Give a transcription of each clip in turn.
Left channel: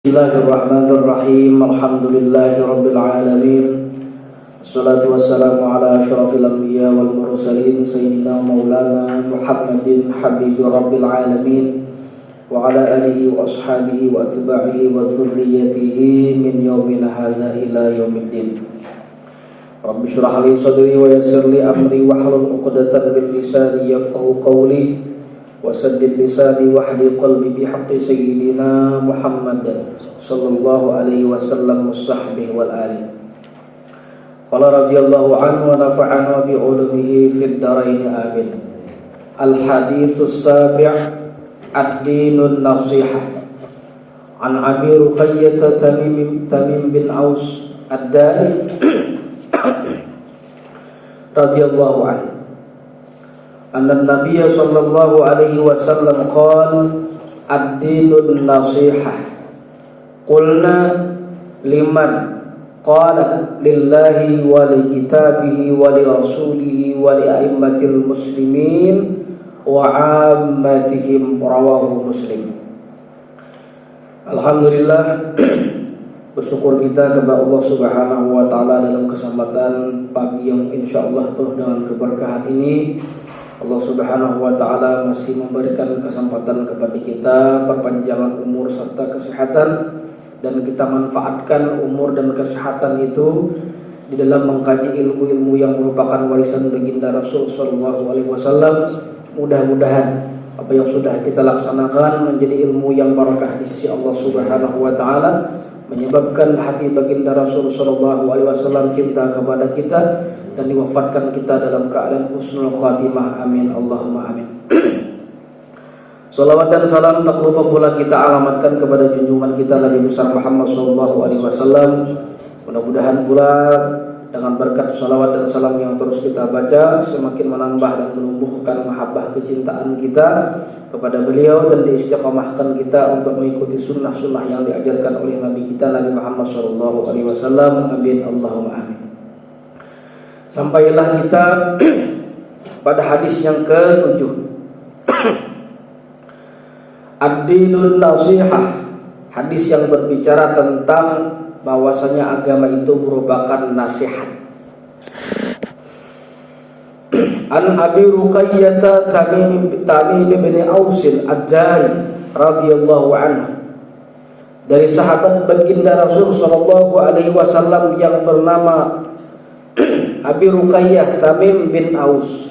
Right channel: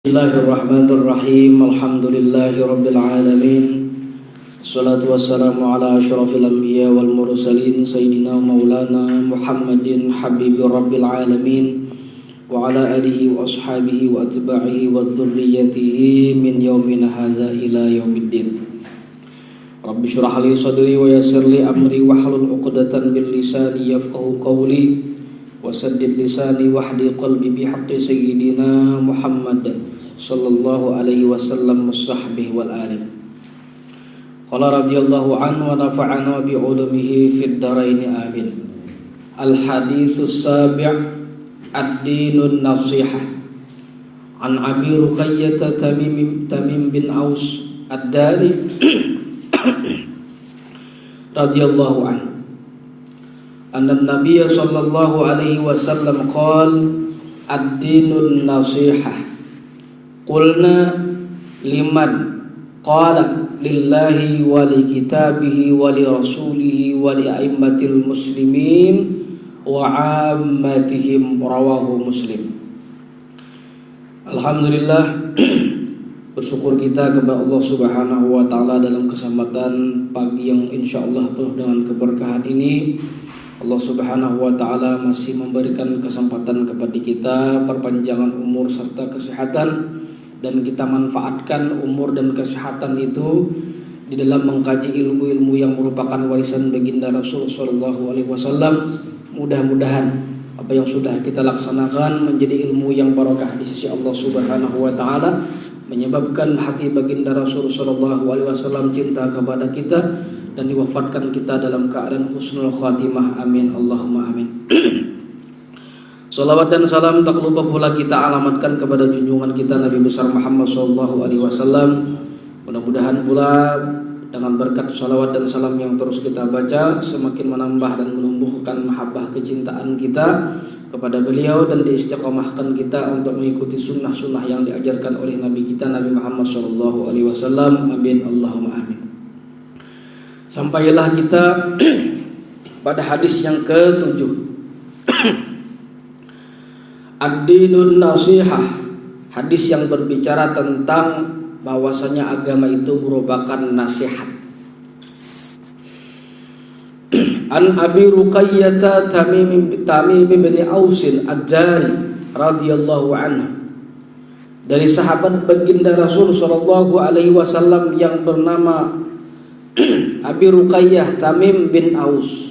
Bismillahirrahmanirrahim. Alhamdulillahirabbil alamin. Wassalatu wassalamu ala asyrafil anbiya wal mursalin sayyidina maulana Muhammadin habibi rabbil alamin wa ala alihi wa ashabihi wa atba'ihi wa dzurriyyatihi min yaumina hadza ila yaumiddin. Rabbi shrah li sadri wa yassir li amri wahlul 'uqdatam min lisani yafqahu qawli wasaddid lisani wahdi qalbi bihaqqi sayyidina Muhammad sallallahu alaihi wasallam washabbihi wal ali. Qala radhiyallahu anhu wa nafa'ana bi ulumihi fid dharain amin. Al haditsus sabi' ad-dinun nasihah. An Abi Ruqayyah Tamim bin Aus ad-Dari radhiyallahu anhu anna Nabiya sallallahu alaihi wasallam qala ad-dinun nasihah. Qulna liman? Qala lillahi wa li kitabihi wa li rasulihi wa li a'immatil muslimin wa 'ammatihim. Rawahu Muslim. Alhamdulillah, bersyukur kita kepada Allah Subhanahu wa taala dalam kesempatan pagi yang insyaallah penuh dengan keberkahan ini. Allah Subhanahu wa taala masih memberikan kesempatan kepada kita perpanjangan umur serta kesehatan, dan kita manfaatkan umur dan kesehatan itu di dalam mengkaji ilmu-ilmu yang merupakan warisan baginda Rasul sallallahu alaihi wasallam. Mudah-mudahan apa yang sudah kita laksanakan menjadi ilmu yang barakah di sisi Allah Subhanahu wa taala, menyebabkan hati baginda Rasul sallallahu alaihi wasallam cinta kepada kita dan diwafatkan kita dalam keadaan husnul khatimah. Amin Allahumma amin. Salawat dan salam tak lupa pula kita alamatkan kepada junjungan kita Nabi besar Muhammad sallallahu alaihi wasallam. Mudah-mudahan pula dengan berkat salawat dan salam yang terus kita baca semakin menambah dan menumbuhkan mahabbah kecintaan kita kepada beliau dan diistiqamahkan kita untuk mengikuti sunnah-sunnah yang diajarkan oleh Nabi kita Nabi Muhammad sallallahu alaihi wasallam. Amin Allahumma amin. Sampailah kita pada hadis yang ke-7. Ad-dinun nasihah, hadis yang berbicara tentang bahwasanya agama itu merupakan nasihat. An Abi Ruqayyah Tamim bin Aus ad-Dari radhiyallahu anhu, dari sahabat baginda Rasul sallallahu alaihi wasallam yang bernama Abi Ruqayyah Tamim bin Aus.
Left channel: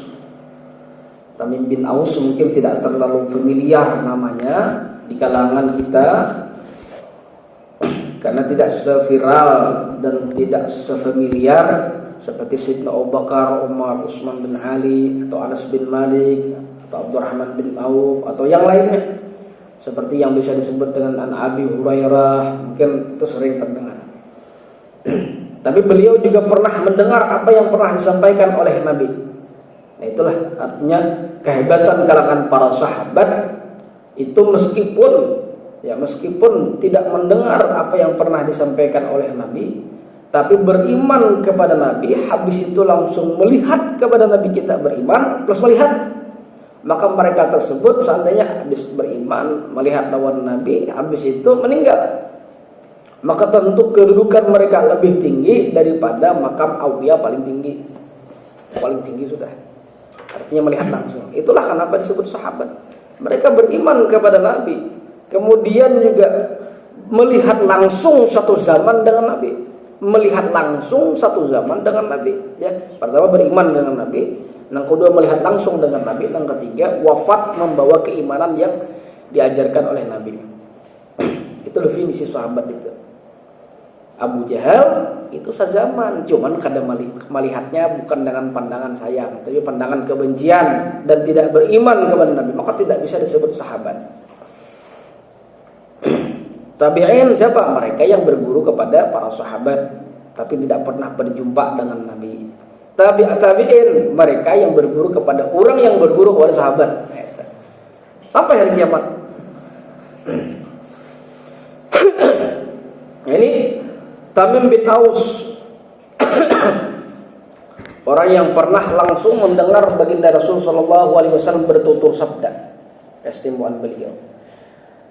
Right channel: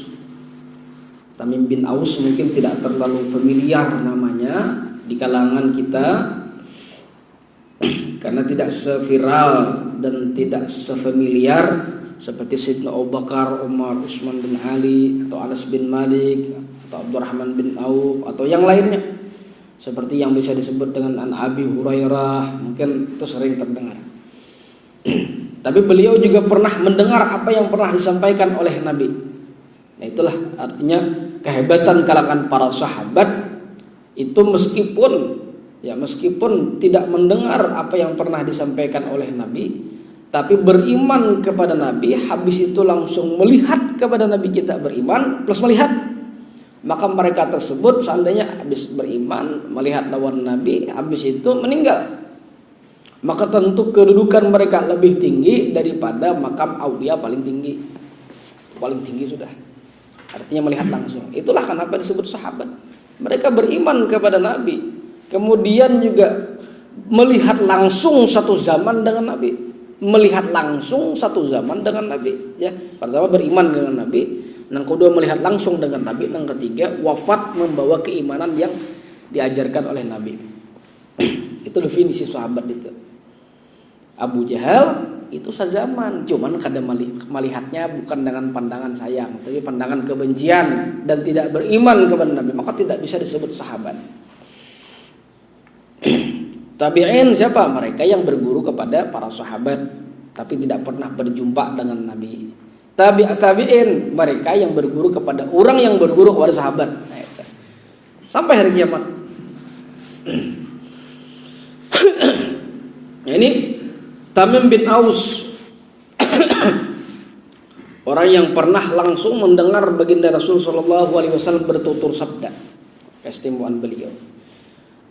Tamim bin Aus mungkin tidak terlalu familiar namanya di kalangan kita karena tidak seviral dan tidak sefamiliar seperti Sayyidina Abu Bakar, Umar, Utsman bin Ali, atau Anas bin Malik, atau Abdurrahman bin Auf, atau yang lainnya, seperti yang bisa disebut dengan An Abi Hurairah, mungkin itu sering terdengar. Tapi beliau juga pernah mendengar apa yang pernah disampaikan oleh Nabi. Nah, itulah artinya kehebatan kalangan para sahabat itu meskipun tidak mendengar apa yang pernah disampaikan oleh Nabi, tapi beriman kepada Nabi, habis itu langsung melihat kepada Nabi. Kita beriman plus melihat, maka mereka tersebut seandainya habis beriman melihat lawan Nabi, habis itu meninggal, maka tentu kedudukan mereka lebih tinggi daripada makam aulia paling tinggi sudah. Artinya melihat langsung. Itulah kenapa disebut sahabat. Mereka beriman kepada Nabi, kemudian juga melihat langsung satu zaman dengan Nabi. Ya, pertama beriman dengan Nabi, yang kedua melihat langsung dengan Nabi, yang ketiga wafat membawa keimanan yang diajarkan oleh Nabi. Itu definisi sahabat itu. Abu Jahal itu sezaman, cuman kadang melihatnya bukan dengan pandangan sayang, tapi pandangan kebencian dan tidak beriman kepada Nabi, maka tidak bisa disebut sahabat. Tabi'in siapa? Mereka yang berguru kepada para sahabat tapi tidak pernah berjumpa dengan Nabi. Tabi'in mereka yang berguru kepada orang yang berguru kepada sahabat sampai hari kiamat. Nah, ini Tamim bin Aus, orang yang pernah langsung mendengar baginda Rasul sallallahu alaihi wasallam bertutur sabda, keistimewaan beliau.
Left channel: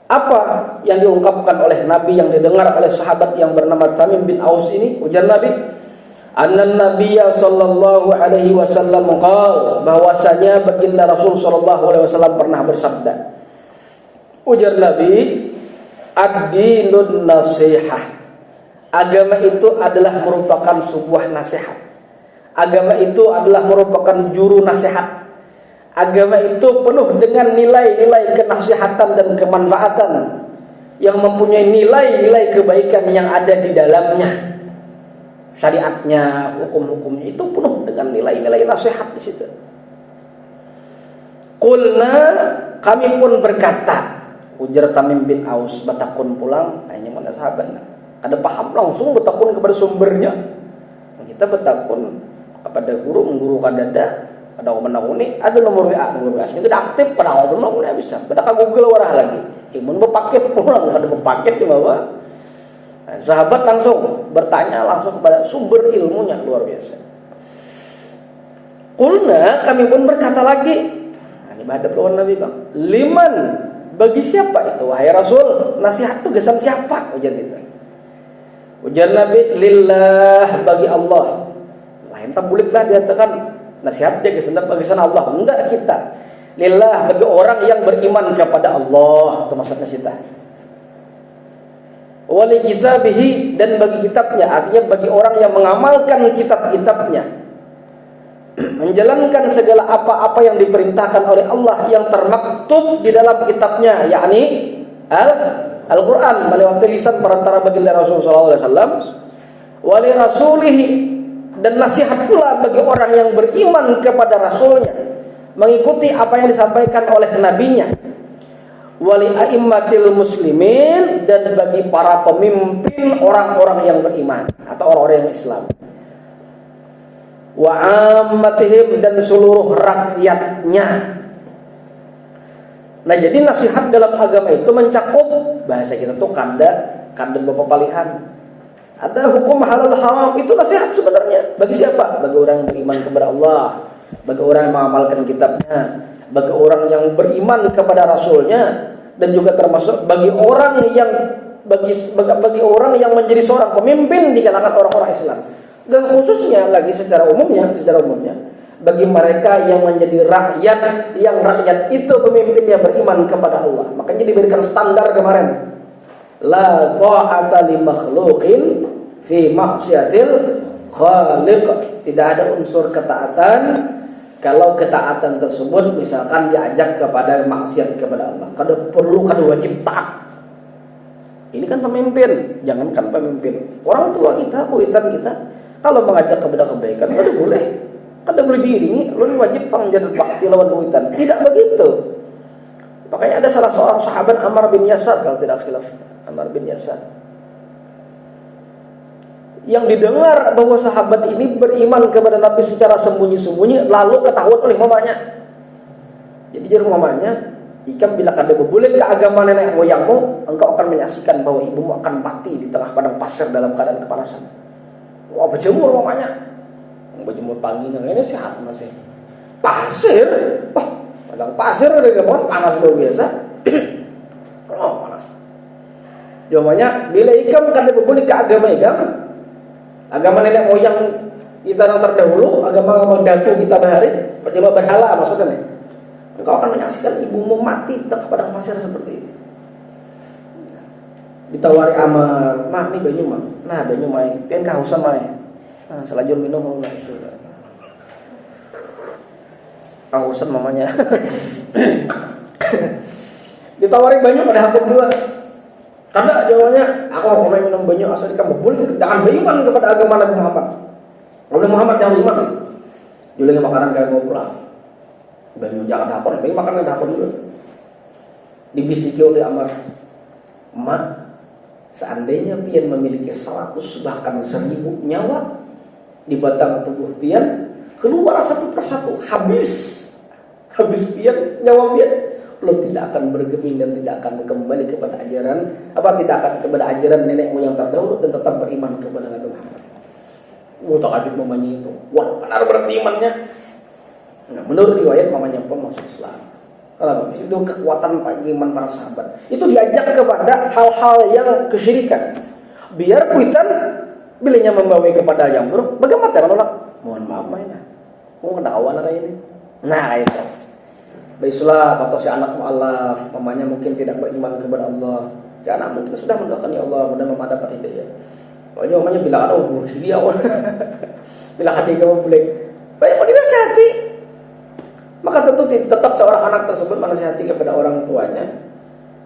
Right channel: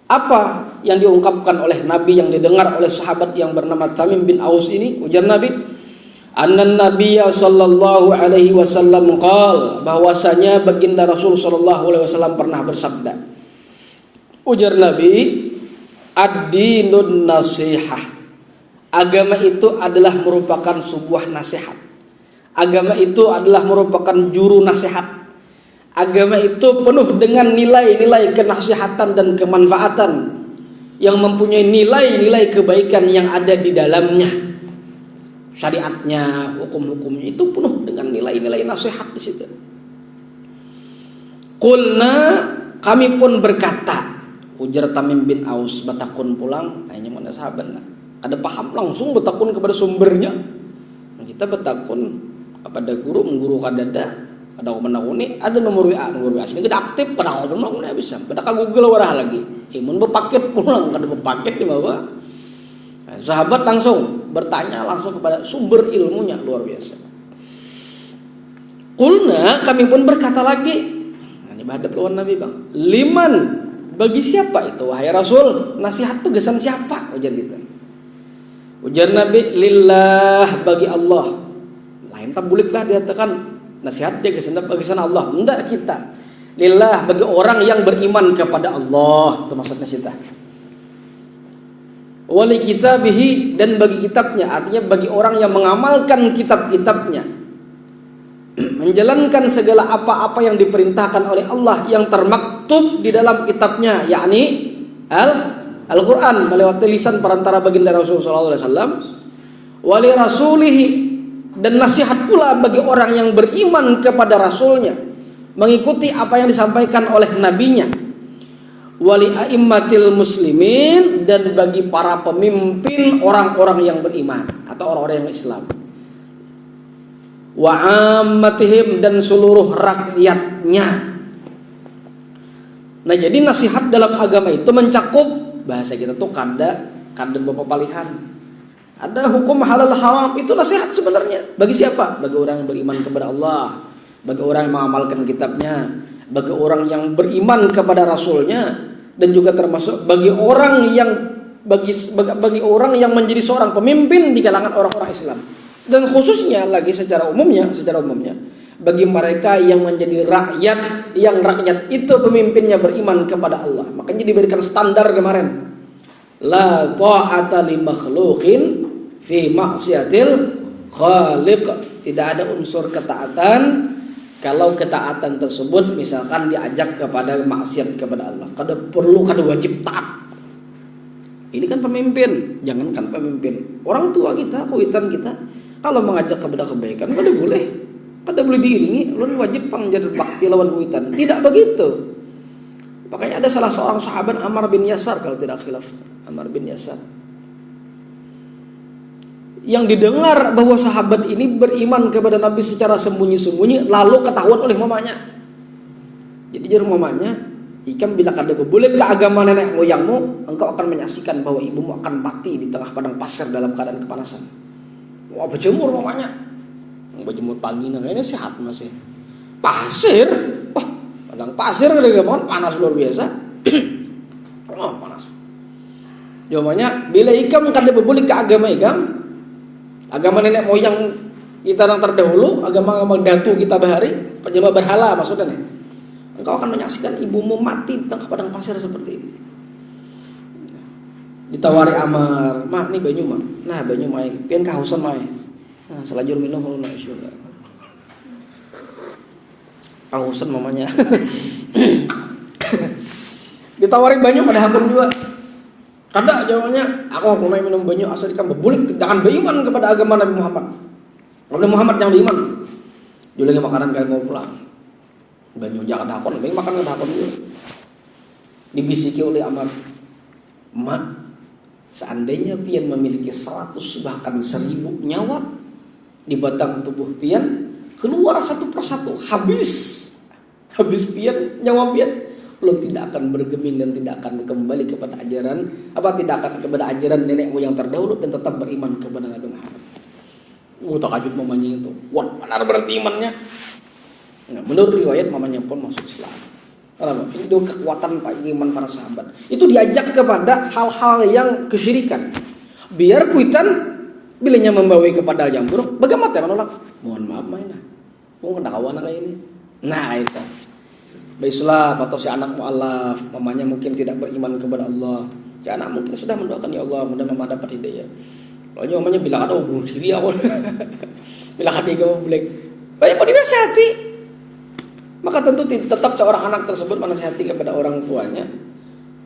Apa yang diungkapkan oleh Nabi yang didengar oleh sahabat yang bernama Tamim bin Aus ini? Ujar Nabi, annan nabiyya sallallahu alaihi wasallam qala, bahwasanya baginda Rasul sallallahu alaihi wasallam pernah bersabda. Ujar Nabi, ad-dinun nasihah. Agama itu adalah merupakan sebuah nasihat. Agama itu adalah merupakan juru nasihat. Agama itu penuh dengan nilai-nilai kenasihatan dan kemanfaatan yang mempunyai nilai-nilai kebaikan yang ada di dalamnya. Syariatnya, hukum-hukumnya itu penuh dengan nilai-nilai nasihat di situ. Qulna, kami pun berkata, ujar Tamim bin Aus, batakun pulang, hanya mana sahabat. Kada paham langsung batakun kepada sumbernya. Kita batakun kepada guru, mengguru kadada. Ada menakuni, ada nomor WA sini tidak aktif, pada nomor bisa. Pada Google warah lagi. Imun berpaket pulang, kada berpaket di bawah. Nah, sahabat langsung bertanya langsung kepada sumber ilmunya, luar biasa. Qulna, kami pun berkata lagi. Nah, ini hadap lawan Nabi, Bang. Liman, bagi siapa itu wahai Rasul? Nasihat itu gesan siapa? Ujar kita. Ujar Nabi, lillah, bagi Allah. Lain tak bolehlah dikatakan nasihat dia kesan Allah. Enggak kita. Lillah, bagi orang yang beriman kepada Allah. Itu maksudnya kita. Wali kitabihi, dan bagi kitabnya. Artinya bagi orang yang mengamalkan kitab-kitabnya. Menjalankan segala apa-apa yang diperintahkan oleh Allah yang termaktub di dalam kitabnya, yakni Al-Quran melewati lisan perantara baginda Rasulullah SAW. Wali rasulihi, dan nasihat pula bagi orang yang beriman kepada Rasulnya, mengikuti apa yang disampaikan oleh nabinya. Wali a'immatil muslimin, dan bagi para pemimpin orang-orang yang beriman atau orang-orang yang Islam. Wa ammatihim, dan seluruh rakyatnya. Nah, jadi nasihat dalam agama itu mencakup, bahasa kita tuh kada bapak palihan. Ada hukum halal haram, itu nasihat sebenarnya. Bagi siapa? Bagi orang yang beriman kepada Allah, bagi orang yang mengamalkan kitabnya, bagi orang yang beriman kepada Rasulnya, dan juga termasuk bagi orang yang bagi orang yang menjadi seorang pemimpin di kalangan orang-orang Islam. Dan khususnya lagi secara umumnya bagi mereka yang menjadi rakyat, yang rakyat itu pemimpinnya beriman kepada Allah. Makanya diberikan standar kemarin. La ta'ata li makhluqin fi maksiatil khaliq. Tidak ada unsur ketaatan kalau ketaatan tersebut misalkan diajak kepada maksiat kepada Allah. Kada wajib taat. Ini kan pemimpin, jangankan pemimpin, orang tua kita, kuitan kita, kalau mengajak kepada kebaikan boleh. Kada boleh diiringi, lu wajib pangjad bakti lawan kuitan. Tidak begitu. Makanya ada salah seorang sahabat Ammar bin Yasar, kalau tidak khilaf, Ammar bin Yasar, yang didengar bahwa sahabat ini beriman kepada Nabi secara sembunyi-sembunyi, lalu ketahuan oleh mamanya. Jadi juru mamanya, "Ikam bila kada boleh ke agama nenek moyangmu, engkau akan menyaksikan bahwa ibumu akan mati di tengah padang pasir dalam keadaan kepanasan." Wah, berjemur mamanya. Berjemur pagi, nah ini sehat masih. Pasir? Wah, padang pasir lagi panas luar biasa. Oh, panas. Jawabannya, bila ikam kada boleh ke agama ikam, agama nenek moyang kita yang terdahulu, agama datu kita bahari, penyembah berhala maksudnya nih. Engkau akan menyaksikan ibumu mati di tengah padang pasir seperti ini. Ditawari Ammar, "Mah, ini banyu mah." "Nah, banyu mah, pian kausan mah." "Nah, selajur minum mau nak isu." Kausan mamanya. Ditawari banyu pada hakun juga. Karena jawabannya, "Aku mau minum banyu asal kamu boleh, jangan beriman kepada agama Nabi Muhammad. Nabi Muhammad yang beriman." Jualan makanan kayak mau pulang. Banyu jangan dapur, baik makanan dapur dulu. Dibisiki oleh Ammar, "Mak, seandainya pian memiliki 100 bahkan 1000 nyawa di batang tubuh pian, keluar satu persatu, habis pian, nyawa pian, lo tidak akan bergeming dan tidak akan kembali kepada ajaran tidak akan kepada ajaran nenek moyang terdahulu dan tetap beriman kepada Nabi Muhammad." Takjub mamanya itu. Wah, benar berarti imannya. Nah, menurut riwayat mamanya pun masuk Islam. Itu kekuatan iman para sahabat. Itu diajak kepada hal-hal yang kesyirikan. Biar kuitan bilanya membawa kepada yang buruk. Bagaimana ya menolak? Mohon maaf mainnya. Mau kedakwaan kayak ini. Nah itu. Islam atau si anak mu'alaf, mamanya mungkin tidak beriman kepada Allah. Si anak mungkin sudah mendoakan ya Allah mudah-mudahan dapat hidayah. Makanya mamanya bilang bunuh diri awal. Bilang hati kamu boleh. Banyak mau dinasihati. Maka tentu tetap seorang anak tersebut menasihati kepada orang tuanya.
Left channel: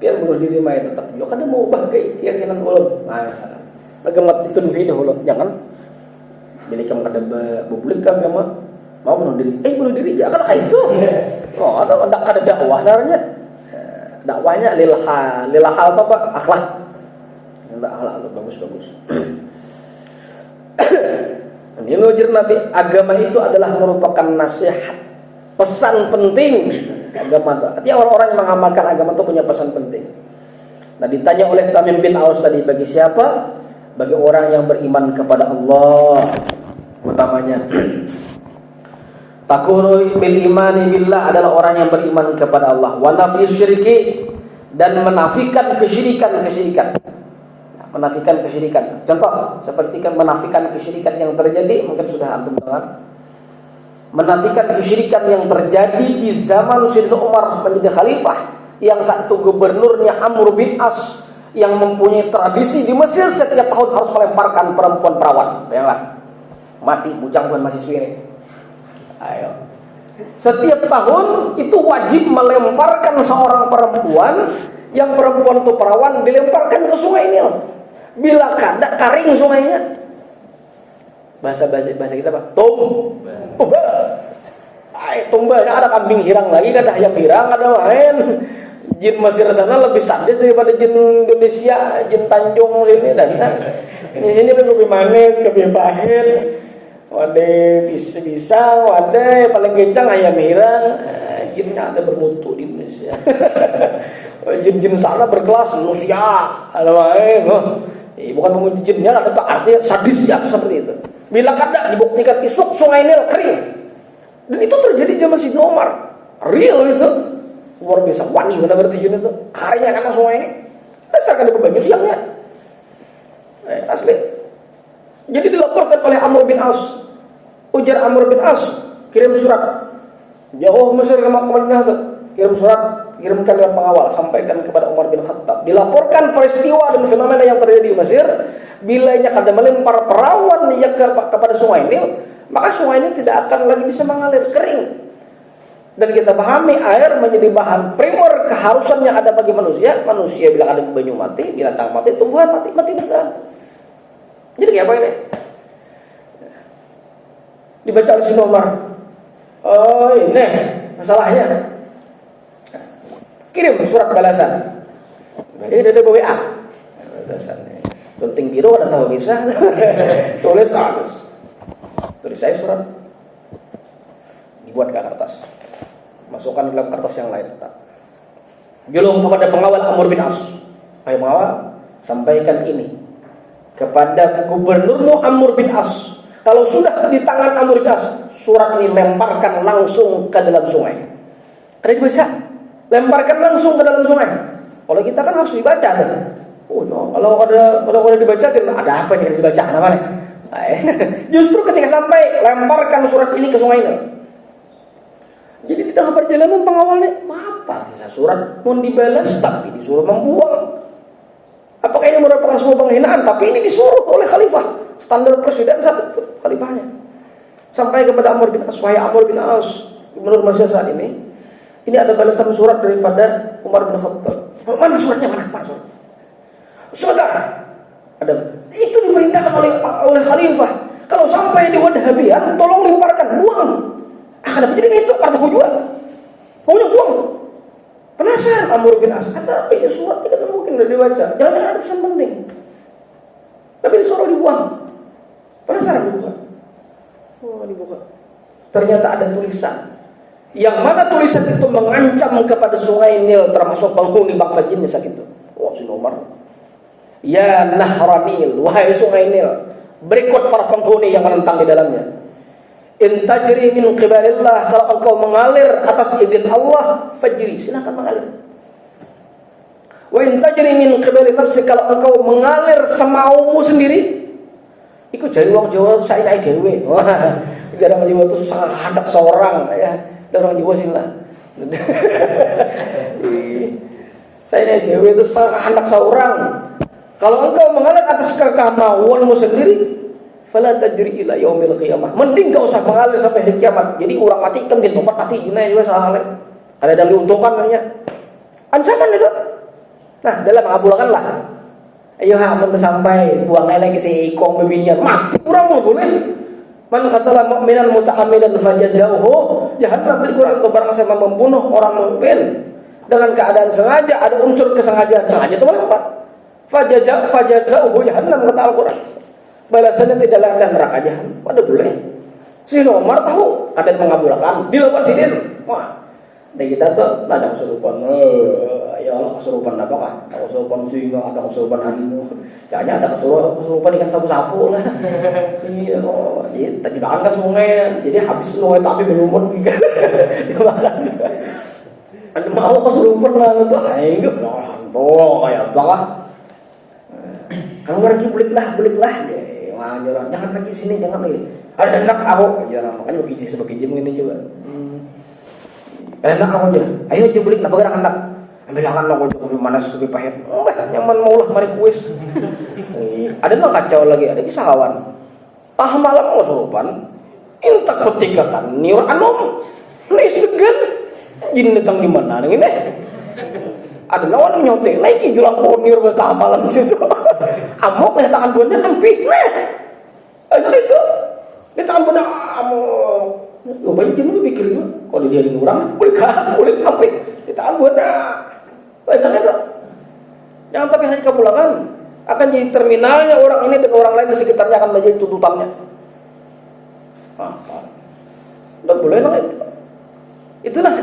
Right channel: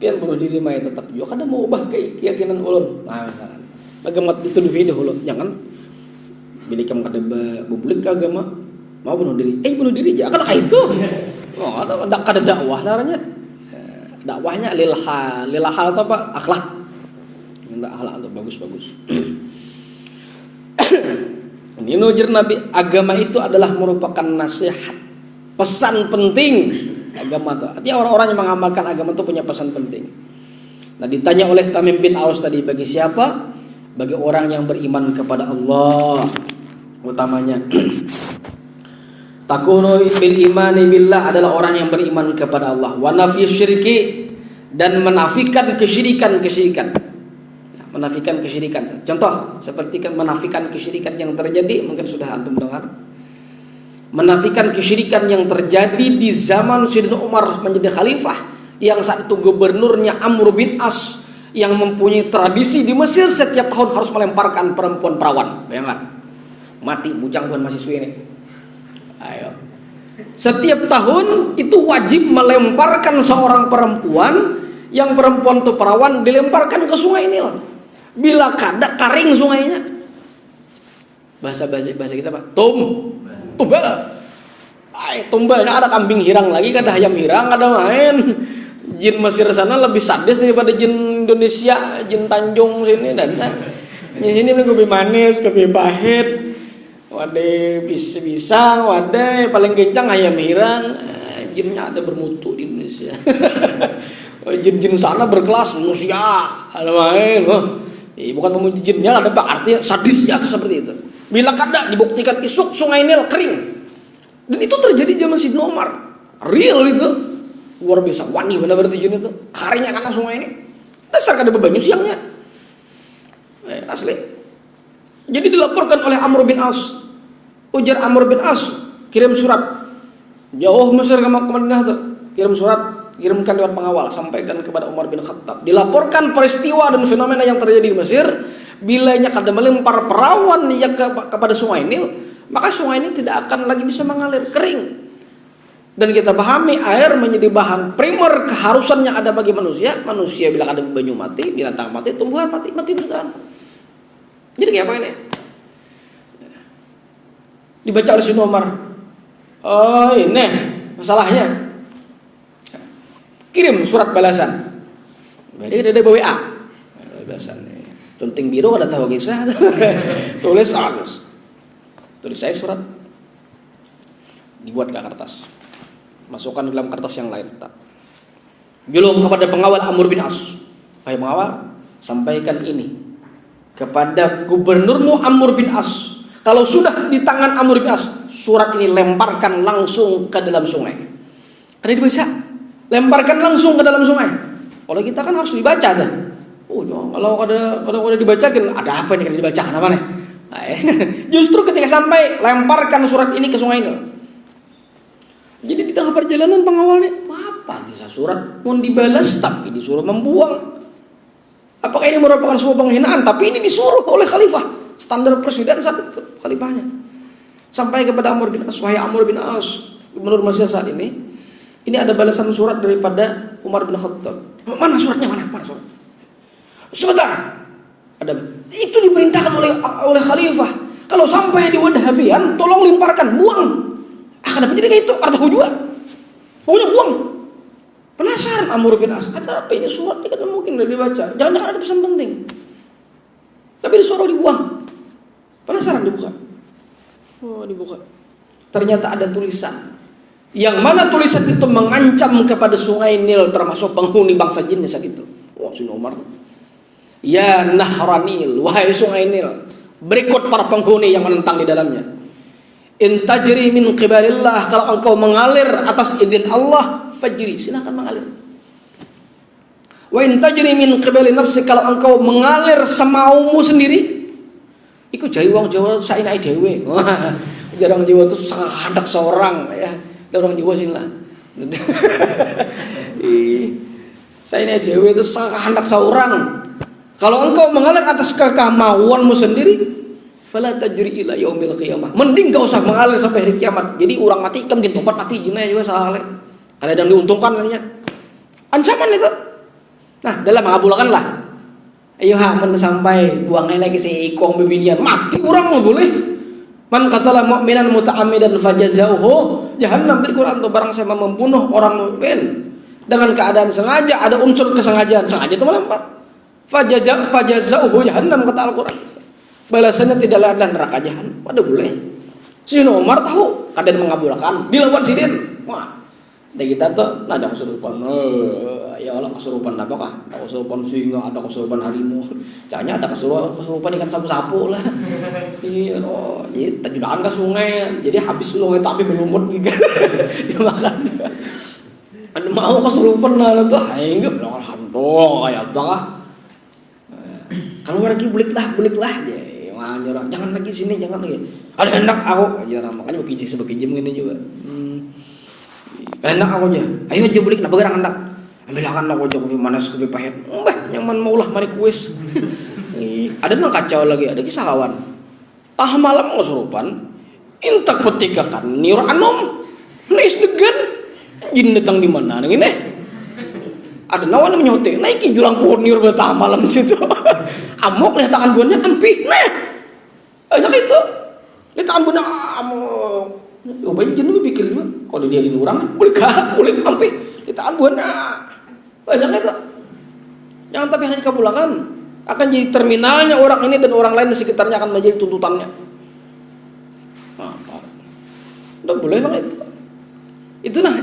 Biar bunuh diri mah tetap juga karena mau ubah keyakinan ulun. Nah misalkan. Bagaimana dituduhi dahulu, jangan. Bila kamu kada berbulik ke agama, mau bunuh diri. Bunuh diri aja kan itu. Oh, atau kada dakwah namanya. Dakwahnya lil hal atau apa? Akhlak. Enggak akhlak atau bagus-bagus. Ini nujar Nabi, agama itu adalah merupakan nasihat, pesan penting agama itu. Artinya orang-orang yang mengamalkan agama itu punya pesan penting. Nah, ditanya oleh Tamim bin Aus tadi, bagi siapa? Bagi orang yang beriman kepada Allah utamanya. Takunu bil imani billah adalah orang yang beriman kepada Allah. Wa nafi syirki, dan menafikan kesyirikan. Menafikan kesyirikan. Contoh seperti menafikan kesyirikan yang terjadi, mungkin sudah antum dengar. Menafikan kesyirikan yang terjadi di zaman Sayyidina Umar menjadi khalifah, yang saat itu gubernurnya Amr bin As, yang mempunyai tradisi di Mesir setiap tahun harus melemparkan perempuan perawan. Bayangkan, mati bujang bukan mahasiswi ini. Ayo. Setiap tahun itu wajib melemparkan seorang perempuan, yang perempuan itu perawan dilemparkan ke sungai Nil. Bila kada karing sungainya, bahasa kita apa? Tumbal. Tumbal. Ada kambing hirang lagi, ada ayam hirang, ada main. Jin Mesir sana lebih sadis daripada jin Indonesia, jin Tanjung sini dan ini lebih manis, lebih pahit. Wadah pisang, wadah paling kencang ayam hirang. Jinnya ada bermutu di Indonesia. Jin-jin sana berkelas manusia, ada main. Bukan memuji jinnya, ada artinya sadis ya, seperti itu. Bila kada dibuktikan isuk sungai Nil kering. Dan itu terjadi zaman Sayyidina Umar. Real itu. Luar biasa, wani benar berarti jin itu. Karingnya karena sungai ini. Dasar kada bebanyu siangnya. Asli. Jadi dilaporkan oleh Amr bin As. Ujar Amr bin As, kirim surat. Jauh Mesir ke Madinah tuh. Kirim surat, kirimkan dengan pengawal, sampaikan kepada Umar bin Khattab. Dilaporkan peristiwa dan fenomena yang terjadi di Mesir. Bilanya kada melempar perawan kepada sungai Nil, maka sungai Nil tidak akan lagi bisa mengalir, kering. Dan kita pahami air menjadi bahan primer keharusan yang ada bagi manusia. Manusia bila ada banyu mati, binatang mati, tumbuhan mati bertahan. Jadi kayak apa ini? Dibaca oleh Sayyidina Umar. Oh ini masalahnya. Kirim surat balasan. Jadi ada WA. Balasan. Conting biru ada tahu kisah. Tulis halus. Tulis saya surat. Dibuat ke kertas. Masukkan dalam kertas yang lain. Julung kepada pengawal Amr bin As. Wahai pengawal, sampaikan ini kepada gubernurmu Amr bin As. Kalau sudah di tangan Amr bin As, surat ini lemparkan langsung ke dalam sungai. Karena dibaca, lemparkan langsung ke dalam sungai. Kalau kita kan harus dibaca tuh. Kalau ada dibacakan, ada apa nih dibaca apa nih? Justru ketika sampai, lemparkan surat ini ke sungai ini. Jadi di tengah perjalanan pengawalnya, apa kisah surat mau dibalas tapi disuruh membuang. Apakah ini merupakan sebuah penghinaan? Tapi ini disuruh oleh khalifah, standar presiden saat itu khalifahnya. Sampai kepada Amr bin As, wahai Amr bin As, gubernur Mesir saat ini ada balasan surat daripada Umar bin Khattab. Mana suratnya? Mana surat? Sebentar. Ada. Itu diperintahkan oleh khalifah. Kalau sampai di Wadahabian, tolong lemparkan, buang. Kenapa jadi kayak itu? Artinya juga. Pokoknya buang. Penasaran Amr bin As, ada apa ini surat? Dia kan mungkin udah dibaca. Jangan-jangan ada pesan penting. Tapi disuruh dibuang. Penasaran dibuka. Oh, dibuka. Ternyata ada tulisan. Yang mana tulisan itu mengancam kepada sungai Nil, termasuk penghuni bangsa jin saat itu. Wah, Sayyidina Umar. Ya Nahranil, wahai sungai Nil, berikut para penghuni yang menentang di dalamnya. In tajri min qibalillah, kalau engkau mengalir atas izin Allah, fajri, silakan mengalir. Wa in tajri min qibali nafsi, kalau engkau mengalir semaumu sendiri, iku jari wong Jawa saenake dhewe. Jarang Jawa itu sangat hendak seorang ya. Orang Jawa sini lah. Saenake dhewe itu sangat hendak seorang. Kalau engkau mengalir atas kemauanmu sendiri, fala tajri ila yaumil qiyamah. Mending gak usah mengalir sampai hari kiamat. Jadi orang mati kan mungkin tempat mati jinah juga salah. Kalau ada diuntungkan namanya. Ancaman itu. Nah, dalam mengabulkan lah. Ayo men sampai buang lagi si ikong bebinian mati orang nggak boleh. Man qatala mu'minan muta'ammidan fajazauhu jahannam. Di Quran itu barang siapa membunuh orang mukmin dengan keadaan sengaja, ada unsur kesengajaan, sengaja itu melempar. Fajazauhu jahannam kata Al-Quran. Balasannya tidaklah ada neraka jahanam. Pada boleh. Si Umar tahu kadang mengabulkan dilawan sidin. Wah, dan kita tuh ada kesurupan. Ya Allah, kesurupan apa kah? Ada kesurupan singa, ada kesurupan harimau. Caranya ada kesurupan ikan sapu-sapu lah. Iya, oh, jadi tadi makan ke sungai. Jadi habis sungai tapi belum juga. Dimakan. Ada mau kesurupan lah tuh. Enggak, alhamdulillah kayak apa kah? Kalau pergi bulik lah. Jangan lagi sini, jangan lagi. Ada enak aku, jarang makanya sebagai jam ini juga. Enak aku aja. Ayo aja bulik, nak bergerak enak. Ambil akan aku aja kopi manas, kopi pahit. Nyaman maulah mari kuis. Ada nang kacau lagi, ada kisah kawan. Tah malam kesurupan, intak ketika kan niur anom, nis degen, jin datang di mana? Ini. Ada nawan yang nyotek, naiki jurang pohon niur betah malam situ. Amok lah tangan buahnya ampi, nah, aja itu, lihat tangan buahnya amok. Oh banyak jenuh pikir juga, kalau dia di orang, boleh ampi, lihat tangan buahnya, banyak itu. Jangan tapi hari kabulakan, akan jadi terminalnya orang ini dan orang lain di sekitarnya akan menjadi tuntutannya. Udah boleh dong itu.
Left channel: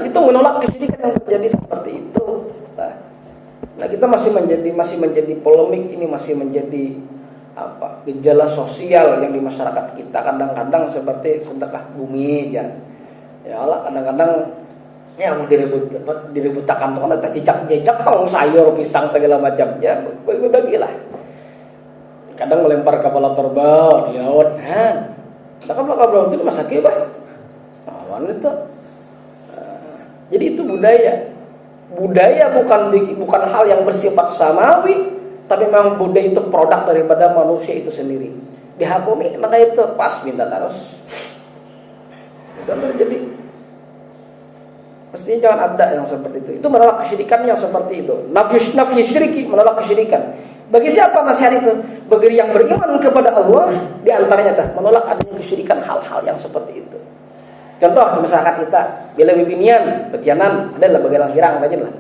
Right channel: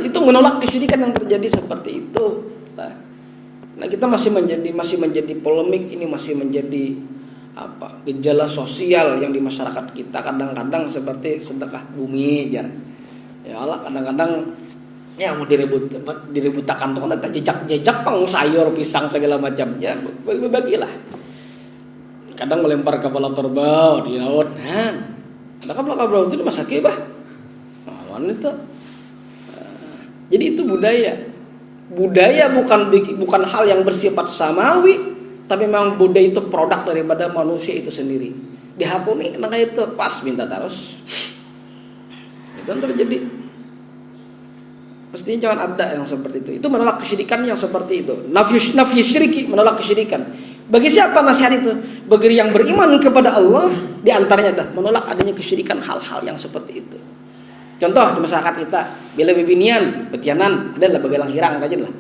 Itu menolak kesyirikan yang terjadi seperti itu. Nah, kita masih menjadi polemik, ini masih menjadi gejala sosial yang di masyarakat kita kadang-kadang seperti sedekah bumi ya Allah, kadang-kadang ya mau diributakan tuh kan cicak pang sayur pisang segala macam ya bagilah. Kadang melempar kepala kerbau di laut, maka kepala kerbau itu masa kebah wanita. Jadi itu budaya bukan hal yang bersifat samawi, tapi memang budaya itu produk daripada manusia itu sendiri. Dihakumi, maka itu pas minta terus. Itu kan terjadi. Mestinya jangan ada yang seperti itu. Itu menolak kesyirikan yang seperti itu. Nafyu syiriki, menolak kesyirikan. Bagi siapa nasihat itu? Bagi yang beriman kepada Allah, di antaranya menolak adanya kesyirikan hal-hal yang seperti itu. Contoh di masyarakat kita, bila bibinian, betianan, ada lah bagelang hirang aja lah.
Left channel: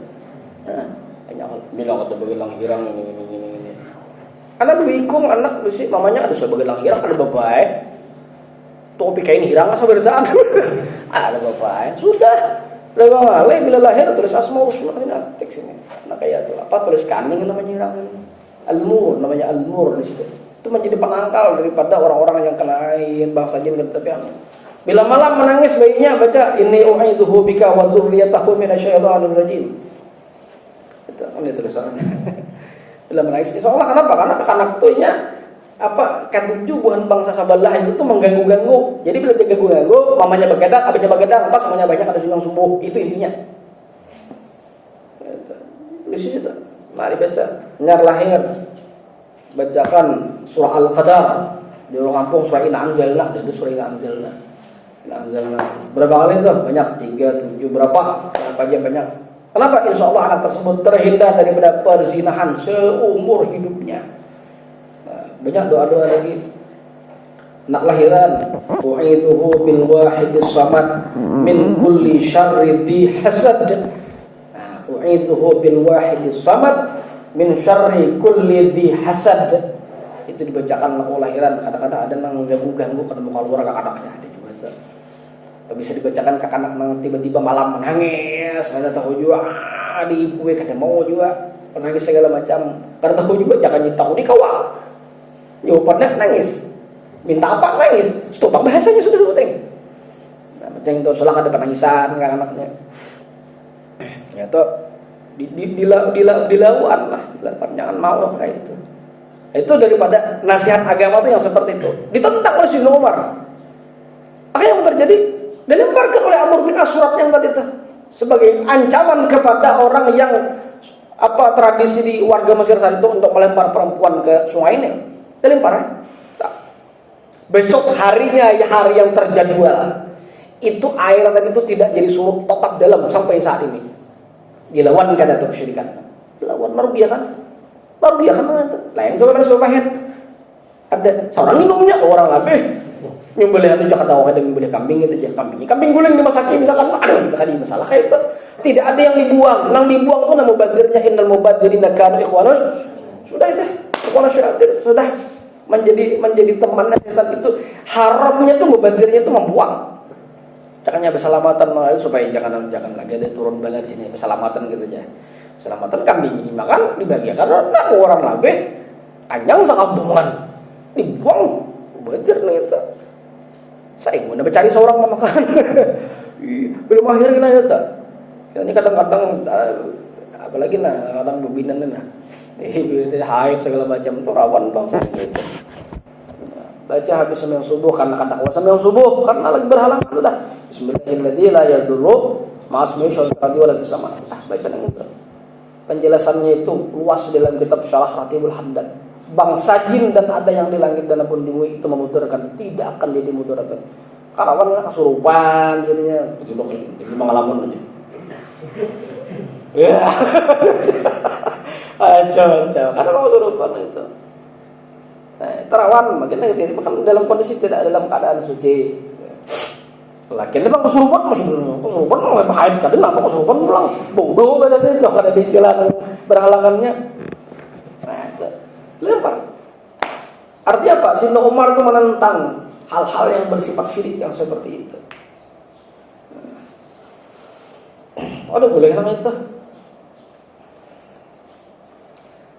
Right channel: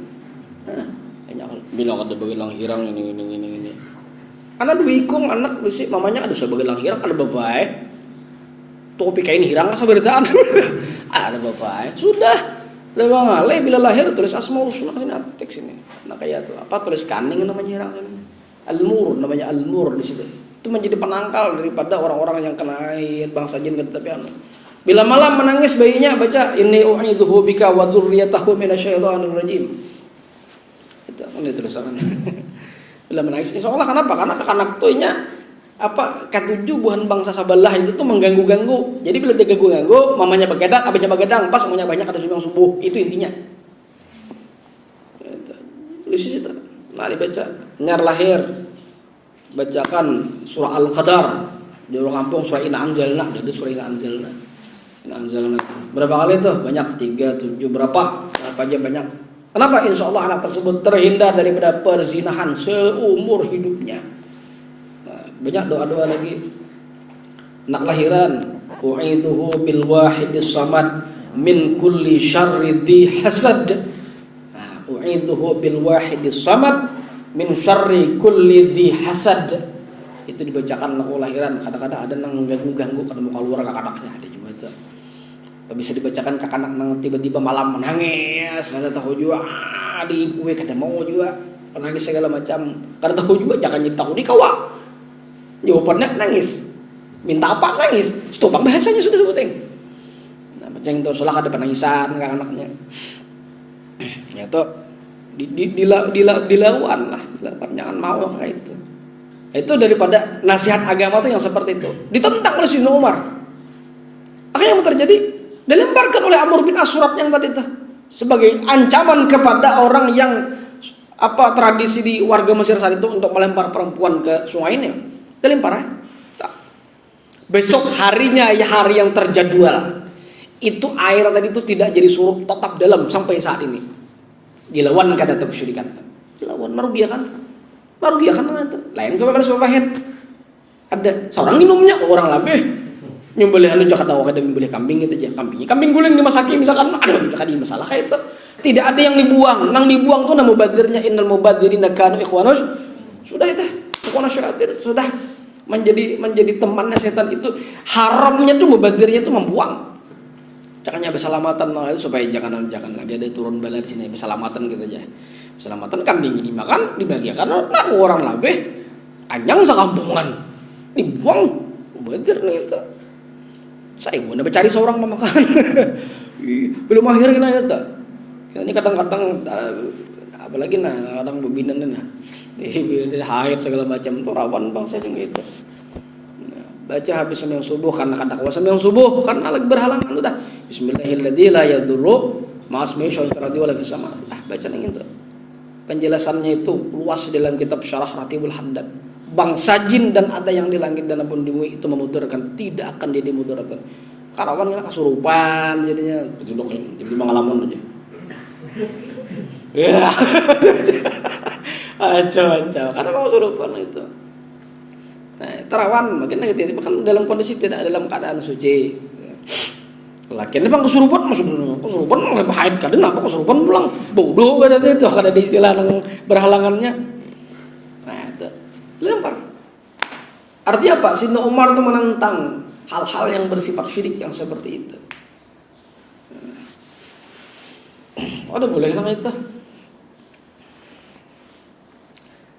Bilang ada bagelang hirang ini. Anak dua ikung, anak lu sih, mamanya ada sebagai bagelang hirang, ada bapak. Topi kain hirang asa beritaan. Ada bapak. Sudah. Lewang ale bila lahir tulis asmaul husna ini teks ini. Nah kayak tuh apa tulis kaning namanya hirang ini. Al-mur namanya al-mur di situ. Itu menjadi penangkal daripada orang-orang yang kena air bangsa jin tapi bila malam menangis bayinya baca inni u'idzuhu bika wa dzurriyyatahu minasyaitonir rajim. Itu ini tulisannya. Bila menangis insyaallah kenapa? Karena kanak tuinya ketujuh buhan bangsa sabalah itu tuh mengganggu-ganggu. Jadi bila dia ganggu-ganggu, mamanya begadang, abisnya begadang, pas semuanya banyak ada sumbang subuh. Itu intinya. Tulis itu. Mari baca. Nyar lahir bacakan surah Al-Qadar. Di orang kampung surah Inna Anzalna, jadi surah Inna Anzalna. Berapa kali itu? Banyak, 3, 7, berapa aja banyak. Kenapa? Insya Allah anak tersebut terhindar daripada perzinahan seumur hidupnya. Banyak doa-doa lagi. Anak lahiran, u'idzuhu bil wahidis samad min kulli syarri dzi hasad. U'idzuhu bil wahidis samad min syarri kulli dzi hasad. Itu dibacakan anak lahiran. Kadang-kadang ada yang ganggu-ganggu kalau mau keluar ke anaknya ada juga itu. Bisa dibacakan ke anak nang tiba-tiba malam menangis, ada tahu juga di ibu kada mau juga menangis segala macam. Karena tahu juga jangan tahu di kawal. Jawabannya nangis. Minta apa nangis. Stop bahasanya sudah sebutin. Ceng itu salah ada penangisan nggak anaknya. Ya tuh dilawan lah, jangan mau kayak itu. Itu daripada nasihat agama tuh yang seperti itu ditentang oleh Sayyidina Umar. Akhirnya yang terjadi dilemparkan oleh Amr bin As surat yang tadi itu sebagai ancaman kepada orang yang tradisi di warga Mesir saat itu untuk melempar perempuan ke sungai ini. Dilempar ya. Besok harinya ya hari yang terjadwal itu air tadi itu tidak jadi surut, tetap dalam sampai saat ini. Dilawan kan atau kesyirikan. Dilawan merugikan itu. Lain coba kan Subahid. Ada seorang minumnya orang lebih nyembelih anu jak ada ada nyembelih kambing gitu aja kambing guling dimasaki misalkan ada tadi masalah kayak itu. Tidak ada yang dibuang. Nang dibuang tuh nama mubadirnya innal mubadirina kanu ikhwanus. Sudah itu. Ikhwanus syaitan sudah menjadi temannya setan itu. Haramnya tuh mubadirnya tuh membuang. Caranya berselamatan supaya jangan lagi ada turun bala di sini berselamatan gitu aja. Berselamatan kambing ini makan dibagikan nak orang labeh anjang sakampungan dibuang mubadir nih itu. Saya gua cari seorang memakan belum akhirnya itu. Ini kadang-kadang apalagi kadang bebinan ini haid segala macam itu rawan bang sering gitu. Baca habis sembahyang subuh karena kadang sembahyang subuh karena lagi berhalangan udah bismillahirrahmanirrahim la yadurru ma'asmi syaitan wala fisama. Baca ning itu. Penjelasannya itu luas dalam kitab Syarah Ratibul Hamdan. Bangsa jin dan ada yang di langit dan pun di bumi itu memudarkan, tidak akan jadi mudarat. Karawan kasurupan jadinya jadi mangalamun aja. Ya. Acau. Karena kasurupan itu. Nah, terawan makin negatif kan dalam kondisi tidak dalam keadaan suci. Lakin memang kesurupan lebih haid kadang apa kesurupan pulang bodoh berarti itu kada di istilah berhalangannya. Nah, itu lempar. Artinya apa? Sayyidina Umar itu menentang hal-hal yang bersifat syirik yang seperti itu. Ada boleh namanya itu.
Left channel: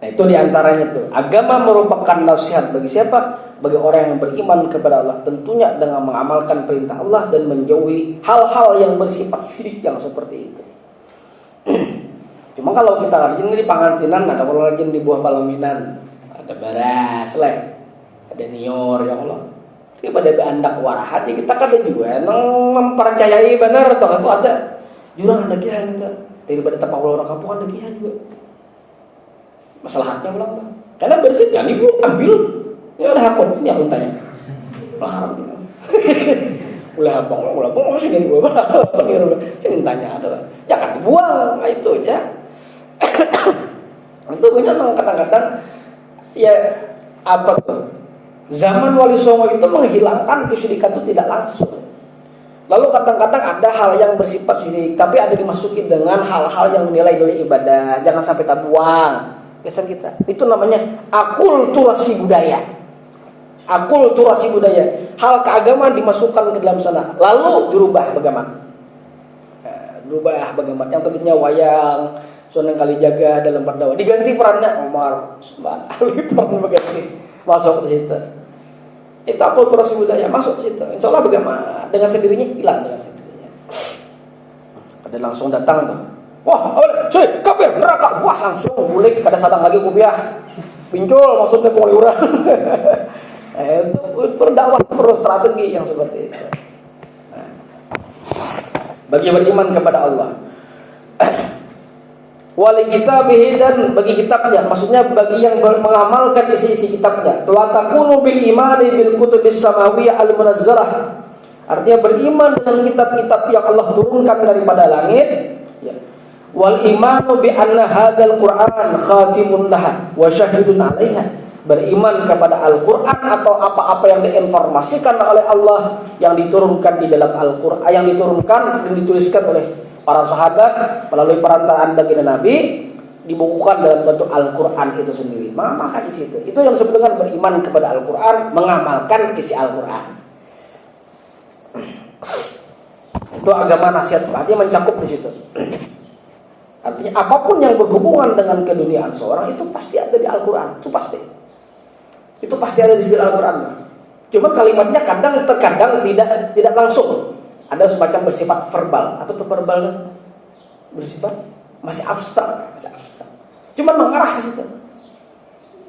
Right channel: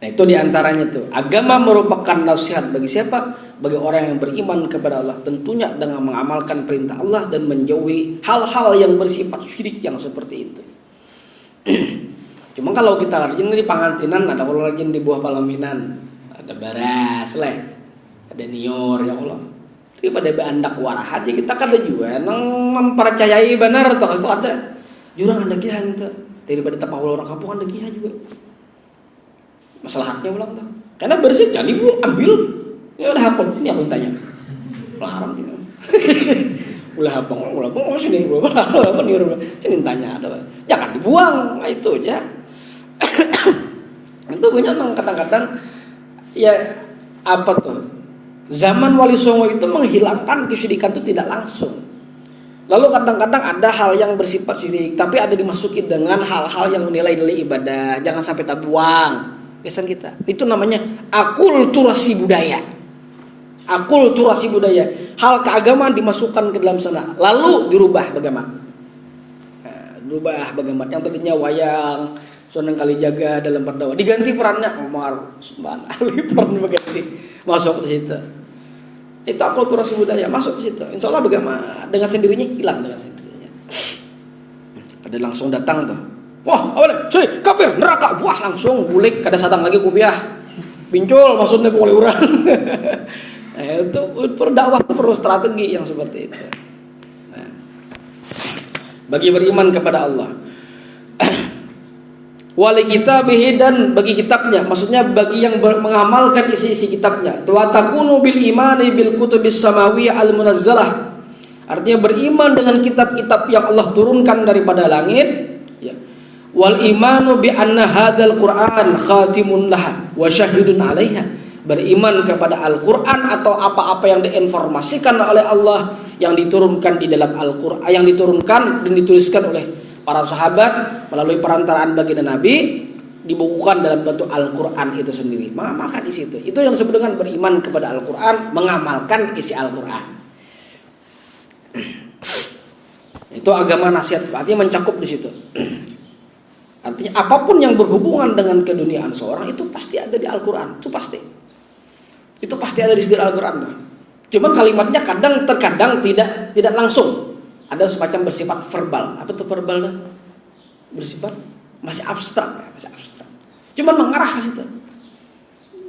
Nah itu diantaranya tuh. Agama merupakan nasihat bagi siapa? Bagi orang yang beriman kepada Allah. Tentunya dengan mengamalkan perintah Allah dan menjauhi hal-hal yang bersifat syirik yang seperti itu. Cuma kalau kita rajin di Pangantinan, ada kalau rajin di Buah Palaminan, ada Baras lah, ada Nior ya Allah. Tapi pada Bandak Warahat ya kita kada juga mempercayai benar atau itu ada jurang ada giah gitu. Daripada tapawul orang kampung ada giah juga. Masalahnya bilang tuh. Karena bersih kan ibu ambil ya udah aku ini aku tanya. Larang gitu. Ulah bong sini gua apa niru. Sini tanya ada. Jangan dibuang, itu aja. Itu banyak kadang-kadang ya apa tuh? Zaman Wali Songo itu menghilangkan kesyirikan itu tidak langsung. Lalu kadang-kadang ada hal yang bersifat syirik, tapi ada dimasuki dengan hal-hal yang menilai ibadah. Jangan sampai tak buang. Pesan kita. Itu namanya akulturasi budaya. Akulturasi budaya. Hal keagamaan dimasukkan ke dalam sana, lalu dirubah bagaimana? Dirubah bagaimana? Yang tadinya wayang, Sunan Kalijaga dalam berdakwah diganti perannya Umar Usman Ali peran berganti masuk ke situ. Itu akulturasi budaya masuk ke situ. Insya Allah bagaimana? Dengan sendirinya hilang dengan sendirinya. Ada langsung datang tuh. Wah, cuy, kafir, neraka. Wah, langsung bulik kada sadang lagi kubiah. Pincul maksudnya boleh urang. Itu berdakwah perlu strategi yang seperti itu. Bagi beriman kepada Allah. Wali kitabihi dan bagi kitabnya, maksudnya bagi yang mengamalkan isi-isi kitabnya. Wa takunu bil imani bil kutubis samawiyah al munazzalah. Artinya beriman dengan kitab-kitab yang Allah turunkan daripada langit. Wal imanu bi anna hadzal Qur'an khatimun laha wa syahidun 'alaiha. Beriman kepada Al-Qur'an atau apa-apa yang diinformasikan oleh Allah yang diturunkan di dalam Al-Qur'an, yang diturunkan dan dituliskan oleh para sahabat melalui perantaraan baginda Nabi, dibukukan dalam bentuk Al-Qur'an itu sendiri. Maka di situ. Itu yang disebut dengan beriman kepada Al-Qur'an, mengamalkan isi Al-Qur'an. Itu agama nasihat, artinya mencakup di situ. Artinya apapun yang berhubungan dengan keduniaan seorang itu pasti ada di Al-Quran. Itu pasti. Itu pasti ada di Al-Quran. Cuma kalimatnya terkadang tidak langsung. Ada semacam bersifat verbal. Apa tuh verbal tuh? Bersifat masih abstrak. Cuman mengarah ke situ.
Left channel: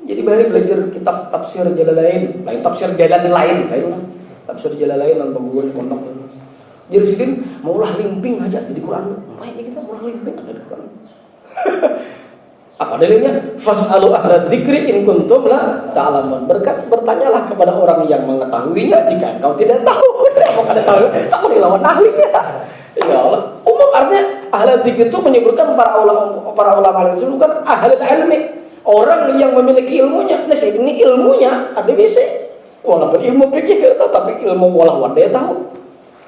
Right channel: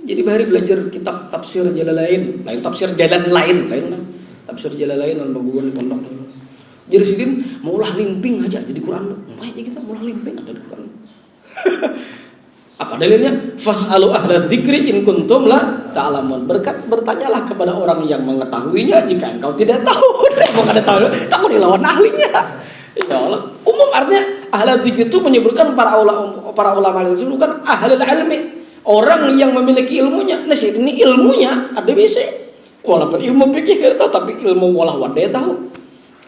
Jadi Bahari belajar kitab tafsir Jalalain, lain tafsir jalan lain. Tafsir Jalalain dan pembukuan pondok. Jadi sidin maulah limping aja jadi Quran. Mulai kita maulah limping aja di Quran. Apa dalilnya? Fas'alu ahla dzikri in kuntum la ta'lamun. Bertanyalah kepada orang yang mengetahuinya jika engkau tidak tahu. Apa kada tahu? Tahu dilawan ahlinya. Ya Allah. Umum artinya ahla dzikri itu menyebutkan para ulama itu bukan ahlul ilmi. Orang yang memiliki ilmunya. Nah, ini ilmunya ada bisa. Walaupun ilmu fikih tapi ilmu walah wadai tahu.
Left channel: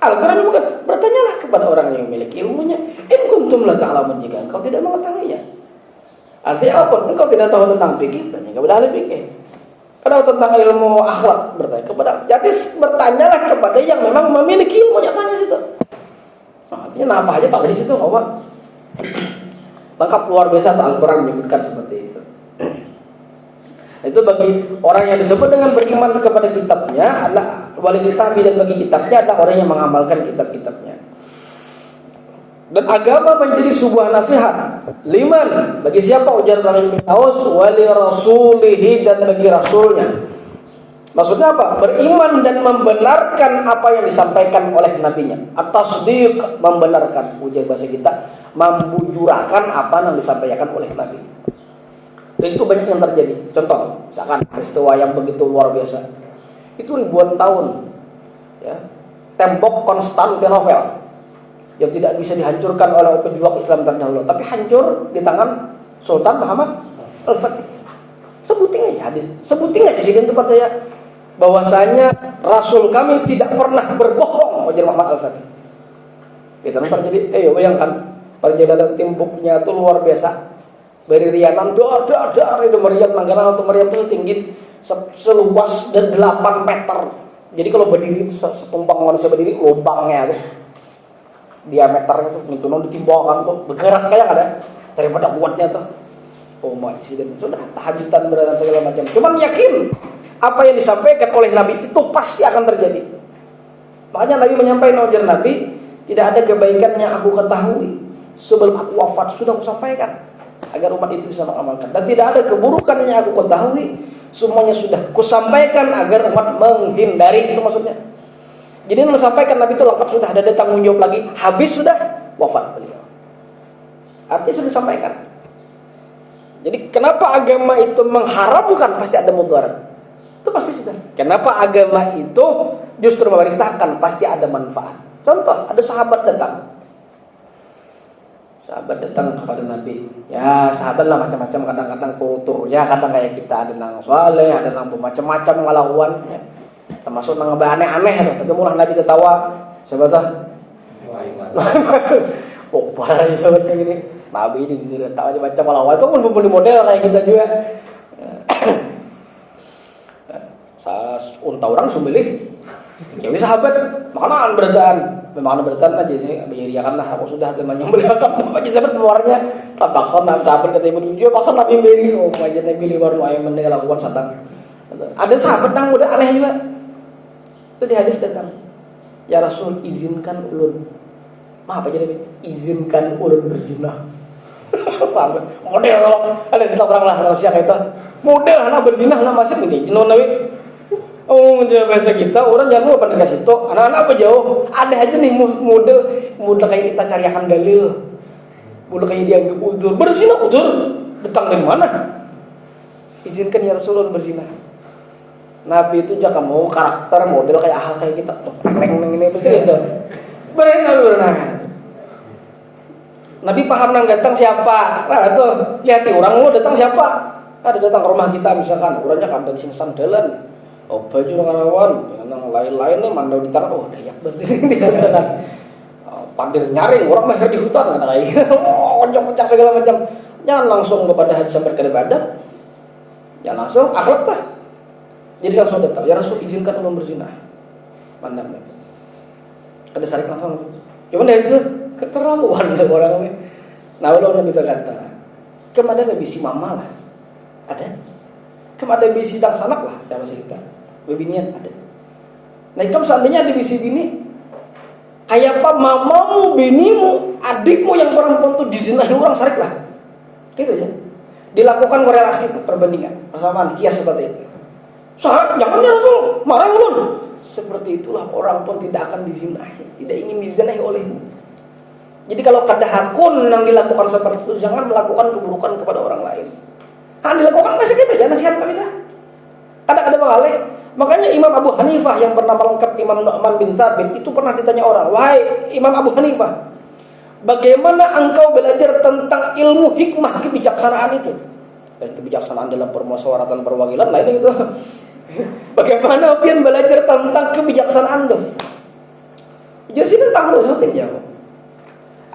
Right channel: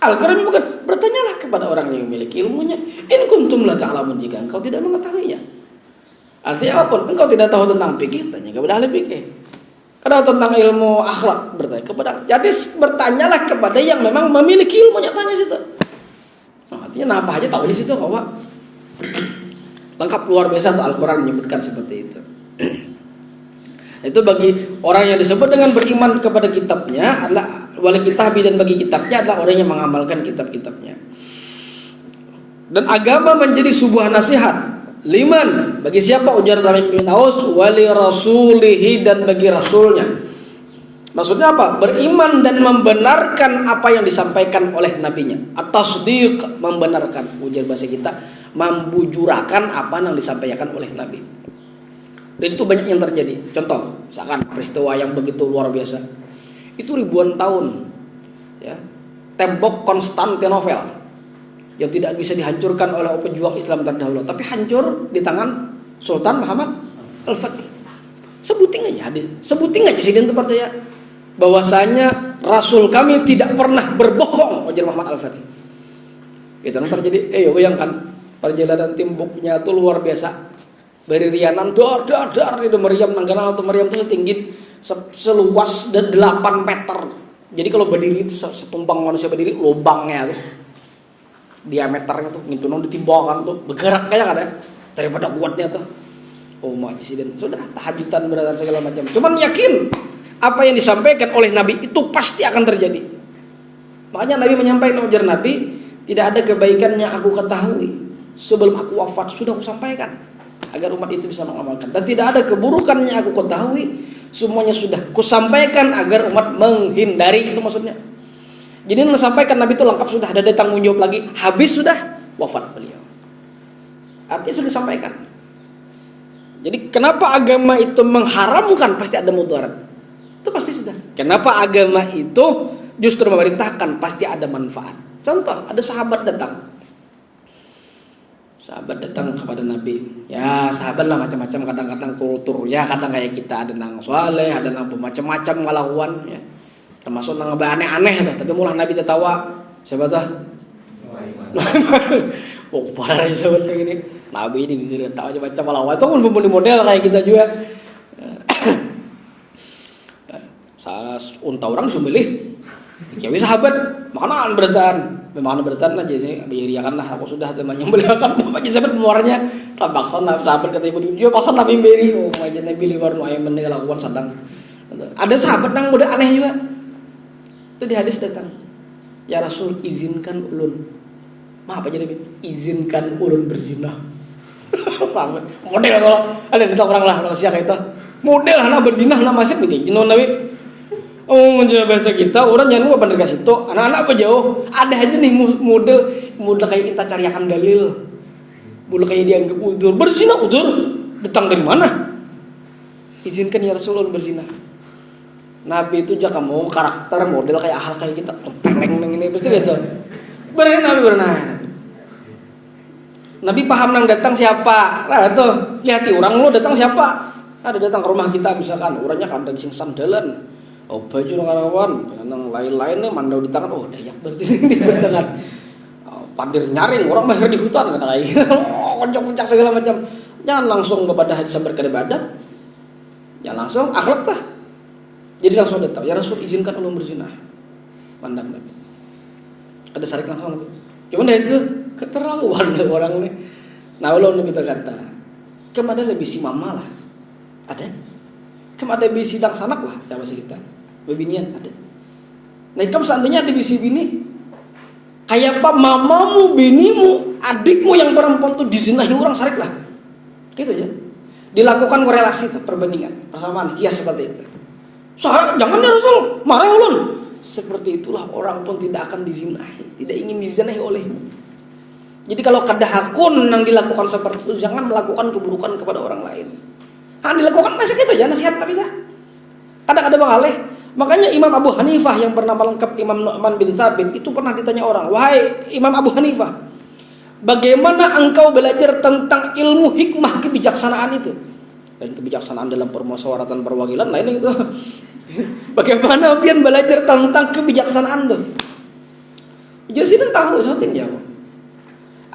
Al-Quran bukan. Bertanyalah kepada orang yang memiliki ilmunya. In kuntum la ta'lamun jika engkau tidak mengetahuinya. Artinya apa? Engkau tidak tahu tentang fikih, tanya kepada ahli fikih. Kalau tentang ilmu akhlak, bertanya kepada. Jadi bertanyalah kepada yang memang memiliki ilmunya, tanya situ. Nah, artinya apa aja tahu di situ, bahwa lengkap luar biasa. Al-Quran menyebutkan seperti itu. Itu bagi orang yang disebut dengan beriman kepada kitabnya adalah wali kitabi, dan bagi kitabnya adalah orang yang mengamalkan kitab-kitabnya. Dan agama menjadi sebuah nasihat. Liman, bagi siapa? Ujar Tamim bin Aus, wali rasulihi, dan bagi rasulnya. Maksudnya apa? Beriman dan membenarkan apa yang disampaikan oleh nabinya. At-tasdiq, membenarkan. Ujar bahasa kita, membujurakan apa yang disampaikan oleh nabi. Dan itu banyak yang terjadi. Contoh, misalkan peristiwa yang begitu luar biasa. Itu ribuan tahun, ya, tembok Konstantinopel yang tidak bisa dihancurkan oleh pejuang Islam terdahulu, tapi hancur di tangan Sultan Muhammad Al-Fatih. Sebuting aja hadis, sebuting aja sih dia untuk percaya bahwasanya Rasul kami tidak pernah berbohong, ujar Muhammad Al-Fatih. Itu yang terjadi. Bayangkan perjalanan timbuknya itu luar biasa. Dari Rianan dar itu meriam Nanggana atau meriam itu tinggi seluas 8 meter. Jadi kalau berdiri itu setumpang manusia berdiri, lubangnya tuh diameternya tuh ngintunon ditimbangkan tuh bergerak kayak ada daripada kuatnya tuh. Oh majisiden sudah tahajudan berada segala macam. Cuman yakin apa yang disampaikan oleh Nabi itu pasti akan terjadi. Makanya Nabi menyampaikan, ujar Nabi, tidak ada kebaikan yang aku ketahui sebelum aku wafat sudah aku sampaikan agar umat itu bisa mengamalkan, dan tidak ada keburukan yang aku ketahui semuanya sudah kusampaikan agar umat menghindari. Itu maksudnya. Jadi yang disampaikan Nabi itu lengkap, sudah ada tanggung jawab lagi, habis sudah wafat beliau. Artinya sudah disampaikan. Jadi kenapa agama itu mengharamkan pasti ada mudarat. Itu pasti sudah. Kenapa agama itu justru memerintahkan pasti ada manfaat. Contoh, ada sahabat datang. Sahabat datang kepada Nabi. Ya, sahabat lah macam-macam, kadang-kadang kultur. Ya, kadang kayak kita ada nang soleh, ada nang macam-macam ngelawan. Ya. Termasuk nang aneh-aneh tuh. Tapi mulah Nabi tertawa. Siapa tuh? Oh, parah aja sahabat kayak gini. Nabi ini gitu, tahu macam-macam ngelawan. Itu pun pembeli model kayak kita juga. Unta orang sumilih. Jadi sahabat, makanan berataan aja sih, beriakan lah. Aku sudah teman yang beliakan, pokoknya sahabat pengeluarannya tak paksa sahabat kata ibu dia paksa Nabi beri. Oh, macam Nabi liwar ayam mendengar lakukan sadang. Ada sahabat yang muda aneh juga. Itu di hadis datang, ya Rasul izinkan ulun. Maaf aja Nabi, izinkan ulun berzina. Model kalau ada di orang lah rahasia kayak itu. Model anak berzina anak masih penting. Jenuh Nabi. Oh, menjawab bahasa kita, orang jangan lupa bener kasih itu. Anak-anak apa jauh? Ada aja nih model kayak kita cariakan dalil. Model kayak dianggap udur. Berzina udur. Datang dari mana? Izinkan ya Rasulullah berzina. Nabi itu jangan mau karakter model kayak ahal kayak kita. Peneng ini pasti gitu. Benar Nabi benar. Nabi paham nang datang siapa. Nah itu lihat orang lu datang siapa. Ada datang ke rumah kita misalkan, orangnya kandan sing sandalan. Oh baju ngelawan, yang lain-lain nih mandau di tangan, oh dayak berarti di tangan. Pandir nyaring, orang mahir di hutan kata kayak gitu. Pencak segala macam. Jangan langsung kepada hadis yang berkaitan ibadah. Jangan langsung akhlak lah. Jadi langsung datang, ya Rasul izinkan ulun berzina. Mandam nih. Ada sarik langsung. Cuman ya itu keterlaluan orang ini. Nah ulun Nabi berkata, kemana lebih si mama lah. Ada. Kemana lebih si dang sanak lah, siapa sih kita. Bebinian ada. Nah, kalau seandainya ada bisi bini, Kayak apa mamamu, binimu, adikmu yang perempuan tuh dizinahi orang, sarik lah. Gitu ya. Dilakukan korelasi itu, perbandingan, persamaan, kias seperti itu. Jangan ya Rasul, marah ulun. Seperti itulah orang pun tidak akan dizinahi, tidak ingin dizinahi olehmu. Jadi kalau kadahakun yang dilakukan seperti itu, jangan melakukan keburukan kepada orang lain. Dilakukan nasihat itu ya, nasihat Nabi dah. Kadang-kadang mengalih. Makanya Imam Abu Hanifah yang bernama lengkap Imam Nu'man bin Thabit itu pernah ditanya orang, wahai Imam Abu Hanifah, bagaimana engkau belajar tentang ilmu hikmah kebijaksanaan itu? Dan kebijaksanaan dalam permusyawaratan perwakilan lain itu. Bagaimana pian belajar tentang kebijaksanaan itu? Jadi sini tahu seperti jawab.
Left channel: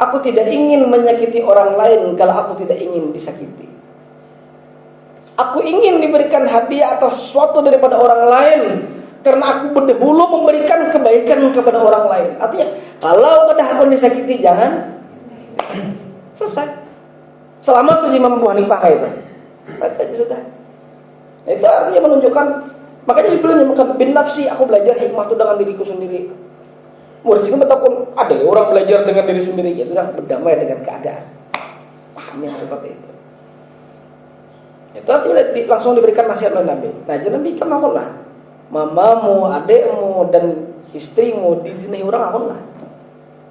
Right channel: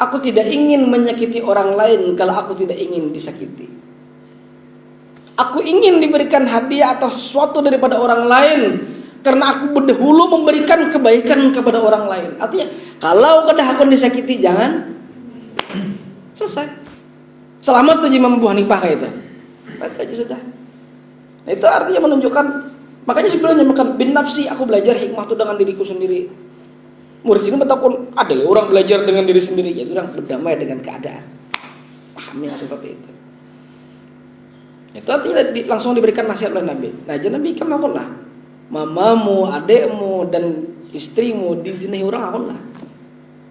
Aku tidak ingin menyakiti orang lain kalau aku tidak ingin disakiti. Aku ingin diberikan hadiah atau sesuatu daripada orang lain karena aku berdahulu memberikan kebaikan kepada orang lain. Artinya, kalau kadang aku disakiti, jangan. Selesai. Selamat tuh Imam Abu Hanifah kayak itu. Baik aja sudah. Nah, itu artinya menunjukkan. Makanya sebelumnya makan bin nafsi, aku belajar hikmah itu dengan diriku sendiri. Murid sini bertakun, ada orang belajar dengan diri sendiri, yaitu orang berdamai dengan keadaan. Paham yang seperti itu. Itu artinya langsung diberikan nasihat oleh Nabi. Nah, jadi Nabi kan lah, mamamu, adekmu, dan istrimu dizinahi orang lah.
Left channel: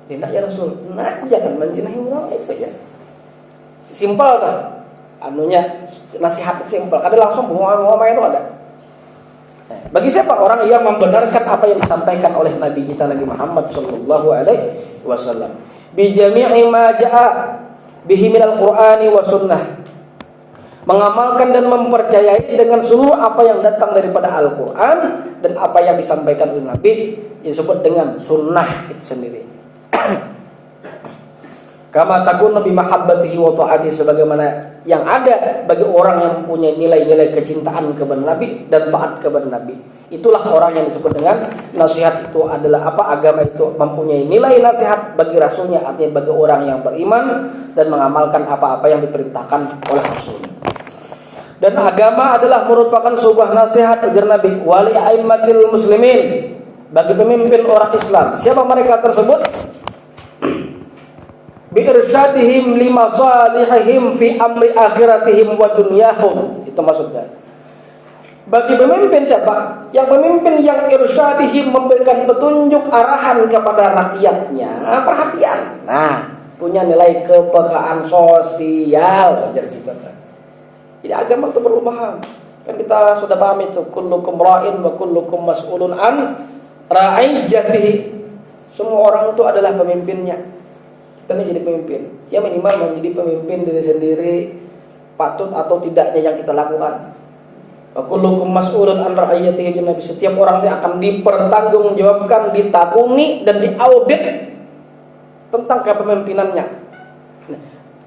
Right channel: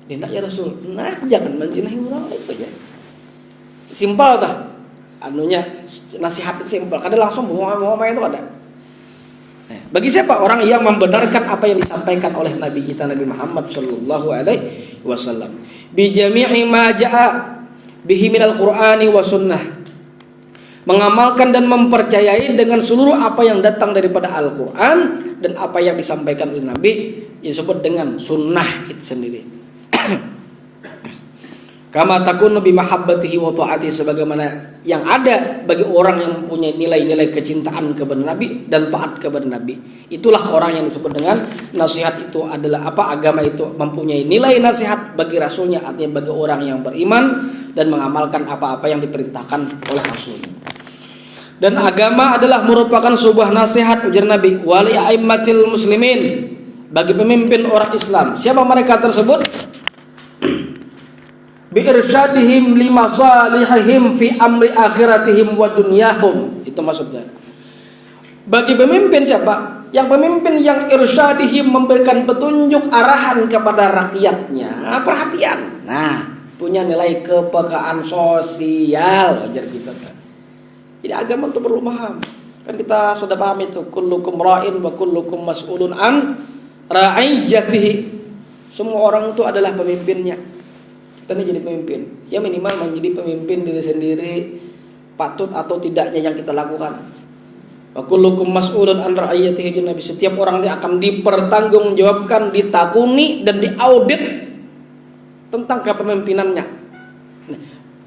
Tidak ya Rasul. Nah, jangan menjinahi orang itu ya. Simpel tak? Anunya nasihat simpel. Kadang langsung ngomong itu ada. Nah, bagi siapa orang yang membenarkan apa yang disampaikan oleh Nabi kita Nabi Muhammad sallallahu alaihi wasallam, bi jami'i ma jaa bihi minal Qur'ani wa sunnah, mengamalkan dan mempercayai dengan seluruh apa yang datang daripada Al-Quran dan apa yang disampaikan oleh Nabi, disebut dengan sunnah itu sendiri. Kama takunu bi mahabbatihi wa ta'atihi, sebagaimana yang ada bagi orang yang mempunyai nilai-nilai kecintaan kepada Nabi dan taat kepada Nabi. Itulah orang yang disebut dengan nasihat. Itu adalah apa? Agama itu mempunyai nilai nasihat bagi Rasulnya, artinya bagi orang yang beriman dan mengamalkan apa-apa yang diperintahkan oleh Rasul. Dan agama adalah merupakan sebuah nasihat, ujar Nabi, wali a'immatil muslimin, bagi pemimpin orang Islam. Siapa mereka tersebut? Bi irsyadihim limasalihihim fi amri akhiratihim wa dunyahum. Itu maksudnya. Bagi pemimpin siapa? Yang pemimpin yang irsyadihim, memberikan petunjuk arahan kepada rakyatnya, perhatian. Nah, punya nilai kepekaan sosial, jadi gitu. Jadi agama itu perlu paham. Kan kita sudah paham itu, kullukum ra'in wa kullukum mas'ulun an ra'iyatihi. Semua orang itu adalah pemimpinnya. Kita ini jadi pemimpin. Ya minimal menjadi pemimpin diri sendiri, patut atau tidaknya yang kita lakukan. Wa kullukum mas'ulun an ra'iyatihi, Nabi, setiap orang dia akan dipertanggungjawabkan, ditakuni dan diaudit tentang kepemimpinannya. Nah,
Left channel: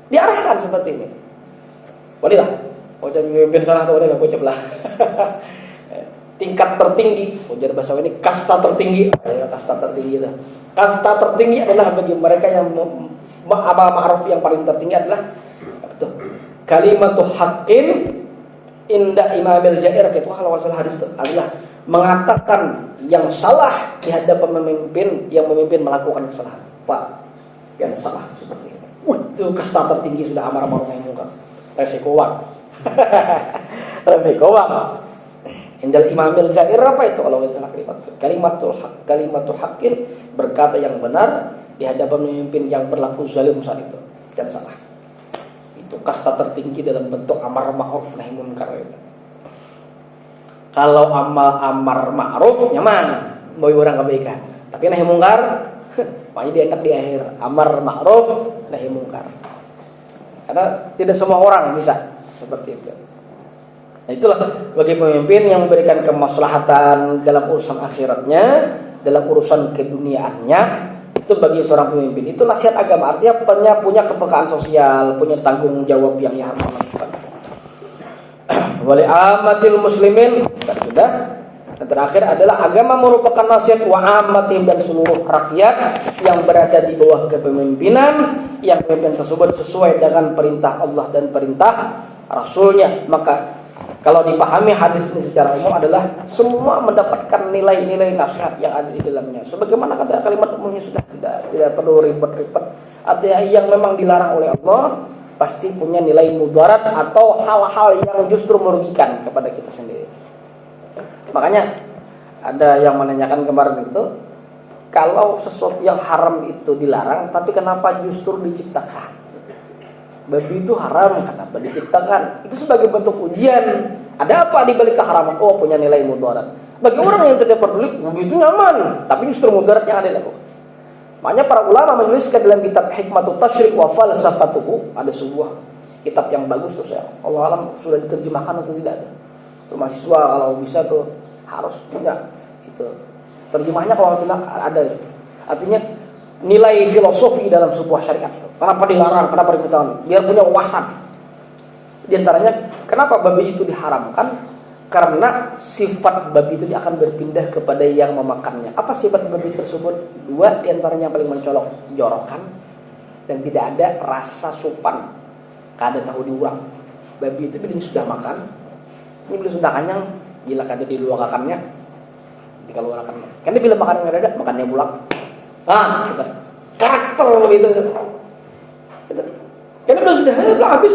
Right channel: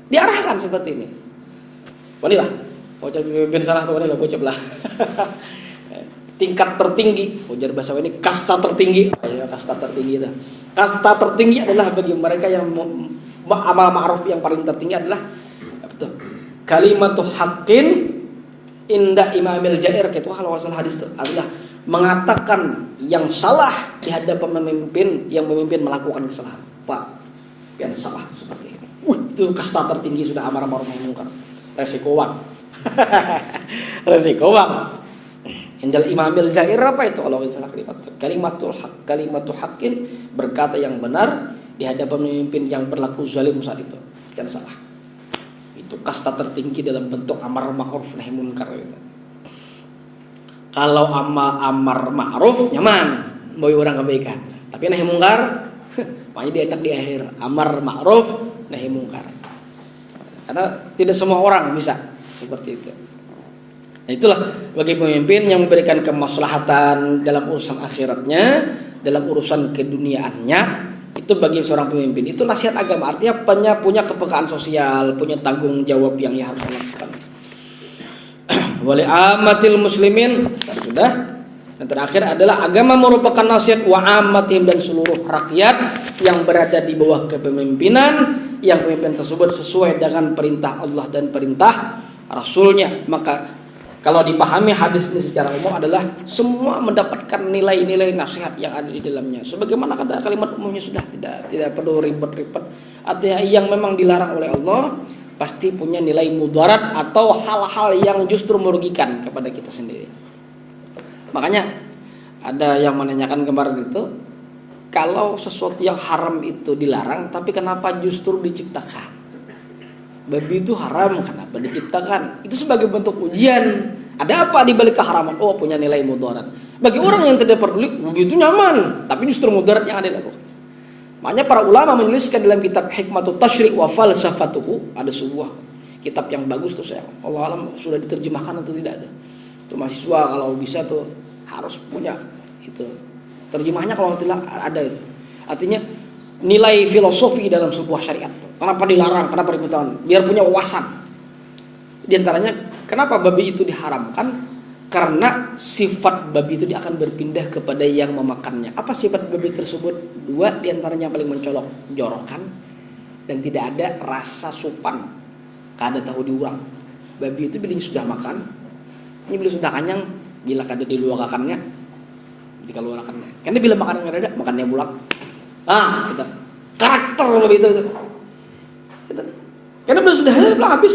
diarahkan seperti ini. Wanilah, ujar pemimpin salah atau wanilah, ucap lah. Tingkat tertinggi, ujar bahasa ini kasta tertinggi. Kasta tertinggi itu. Kasta tertinggi adalah bagi mereka yang amal ma'ruf, yang paling tertinggi adalah betul. Kalimatu haqqin inda imamil jair, itu kalau masalah hadis itu adalah mengatakan yang salah di hadapan pemimpin yang memimpin melakukan kesalahan. Pak, yang salah seperti ini. Itu kasta tertinggi, sudah amar ma'ruf nahi munkar. Resikoan. Resikoan. Indal imamil jair apa itu kalau salah kalimatul haqqin, berkata yang benar di hadapan pemimpin yang berlaku zalim saat itu, kan salah. Itu kasta tertinggi dalam bentuk amar ma'ruf nahi munkar itu. Kalau amar ma'ruf nyaman, mau orang kebaikan. Tapi nahi munkar makanya dia enak di akhir. Amar ma'ruf nahi munkar. Karena tidak semua orang bisa seperti itu. Nah, itulah bagi pemimpin yang memberikan kemaslahatan dalam urusan akhiratnya, dalam urusan keduniaannya, itu bagi seorang pemimpin. Itu nasihat agama, artinya punya kepekaan sosial, punya tanggung jawab yang harus dilakukan. Wali amatil muslimin, sudah. Dan terakhir adalah agama merupakan nasihat wa ammatihim, dan seluruh rakyat yang berada di bawah kepemimpinan, yang pemimpin tersebut sesuai dengan perintah Allah dan perintah Rasulnya. Maka Kalau dipahami hadis ini secara umum adalah semua mendapatkan nilai-nilai nasihat yang ada di dalamnya. Sebagaimana kata kalimat umumnya sudah tidak perlu ribet-ribet. Artinya yang memang dilarang oleh Allah pasti punya nilai mudarat atau hal-hal yang justru merugikan kepada kita sendiri. Makanya ada yang menanyakan kemarin itu, kalau sesuatu yang haram itu dilarang, tapi kenapa justru diciptakan? Babi itu haram, kenapa diciptakan? Itu sebagai bentuk ujian. Ada apa di balik keharaman? Oh, punya nilai mudarat. Bagi orang yang tidak peduli, begitu nyaman, tapi justru mudarat yang ada dilakukan. Makanya para ulama menuliskan dalam kitab Hikmatut Tasyri' wa Falsafatuhu, ada sebuah kitab yang bagus tuh, saya Allah alam sudah diterjemahkan atau tidak. Tuh mahasiswa kalau bisa tuh harus punya itu. Terjemahnya kalau tidak ada itu. Artinya nilai filosofi dalam sebuah syariat. Kenapa dilarang? Kenapa diperintahkan? Biar punya wawasan. Di antaranya, kenapa babi itu diharamkan? Karena sifat babi itu dia akan berpindah kepada yang memakannya. Apa sifat babi tersebut? Dua, di antaranya yang paling mencolok, jorokan dan tidak ada rasa sopan. Kada tahu diurang. Babi itu bila sudah makan, ini bila sudah kenyang, bila kada diluakakannya, dikeluarkan. Karena bila makan yang ada, makannya pulang. Ah, gitu. Karakter lebih itu. Gitu. Karena sudah habis.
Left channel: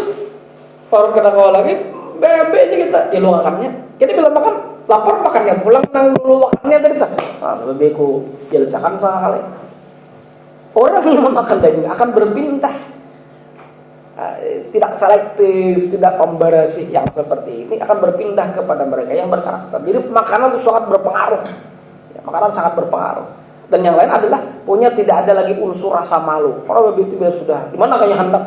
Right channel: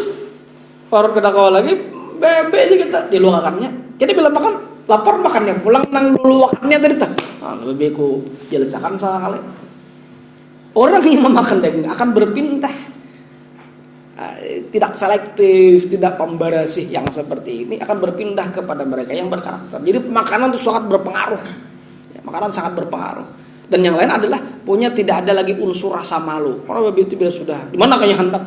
Baru kita kawal lagi, bebe aja kita diluakakannya. Jadi bila makan lapar makannya pulang, nang luakakannya tadi tak. Ah, bebeku jelasakan sekali. Orang yang memakan daging akan berpindah. Tidak selektif, tidak pembarasi yang seperti ini akan berpindah kepada mereka yang berkarakter. Jadi makanan itu sangat berpengaruh. Ya, makanan sangat berpengaruh. Dan yang lain adalah punya tidak ada lagi unsur rasa malu. Kalau begitu biar sudah di mana kayak hendak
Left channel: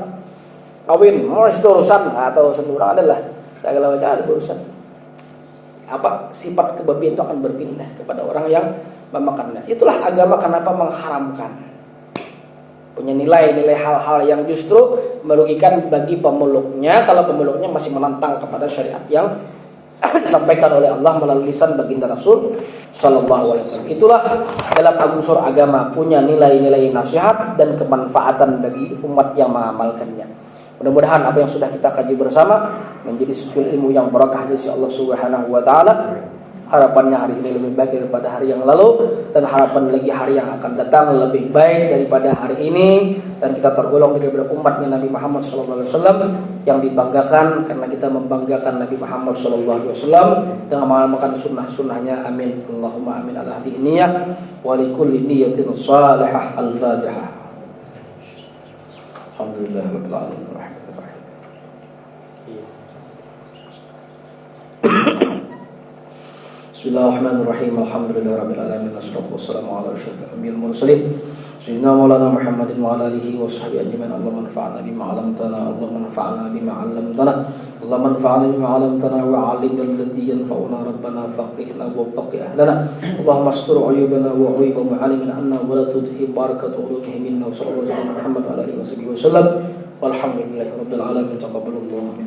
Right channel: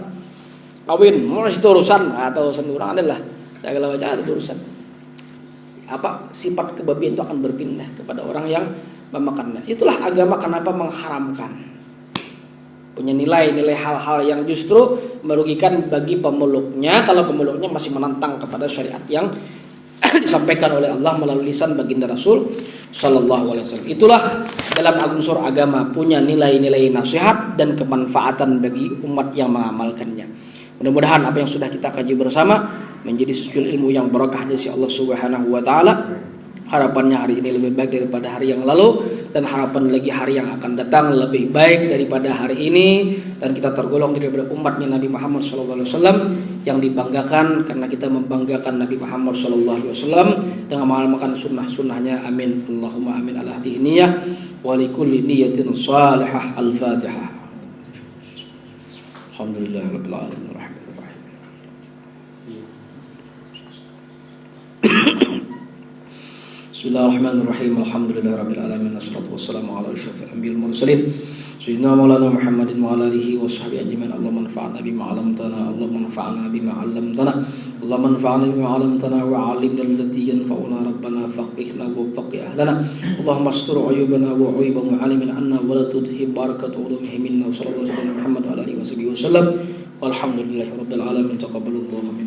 kawin, mau itu urusan atau sendurang adalah segala macam urusan. Apa sifat kebabian itu akan berpindah kepada orang yang memakannya. Itulah agama kenapa mengharamkan. Punya nilai-nilai hal-hal yang justru merugikan bagi pemeluknya kalau pemeluknya masih menentang kepada syariat yang disampaikan oleh Allah melalui lisan baginda Rasul sallallahu alaihi wasallam. Itulah dalam unsur agama punya nilai-nilai nasihat dan kemanfaatan bagi umat yang mengamalkannya. Mudah-mudahan apa yang sudah kita kaji bersama menjadi sujud ilmu yang barakah dari Allah Subhanahu wa taala. Harapannya hari ini lebih baik daripada hari yang lalu, dan harapan lagi hari yang akan datang lebih baik daripada hari ini, dan kita tergolong daripada umatnya Nabi Muhammad SAW yang dibanggakan karena kita membanggakan Nabi Muhammad SAW dengan mengamalkan sunnah-sunnahnya. Amin Allahumma amin ala hadhihi niyyah wa likulli niyyatin salihah. Al-Fatihah. Alhamdulillahirabbil alamin. Bismillahirrahmanirrahim. Alhamdulillahirabbil alamin. Wassalatu wassalamu ala asyrofil anbiya'il mursalin sayyidina maulana Muhammadin wa ala alihi washabbihi ajmain. Allahumma anfa'na bima 'allamtana, Allahumma anfa'na bima 'allamtana, Allahumma anfa'na bima 'allamtana wa 'allimna allati yanfa'una, rabbana faqihna wa faqih ahlana, Allahumma astur 'uyubana wa 'uyuba mu'allimin anna wa la tudhib barakatu 'ulumihim minna. Sallallahu alaihi wa Muhammad wa ala alihi wasallam. Walhamdulillahirabbil alamin. Taqabbalallahu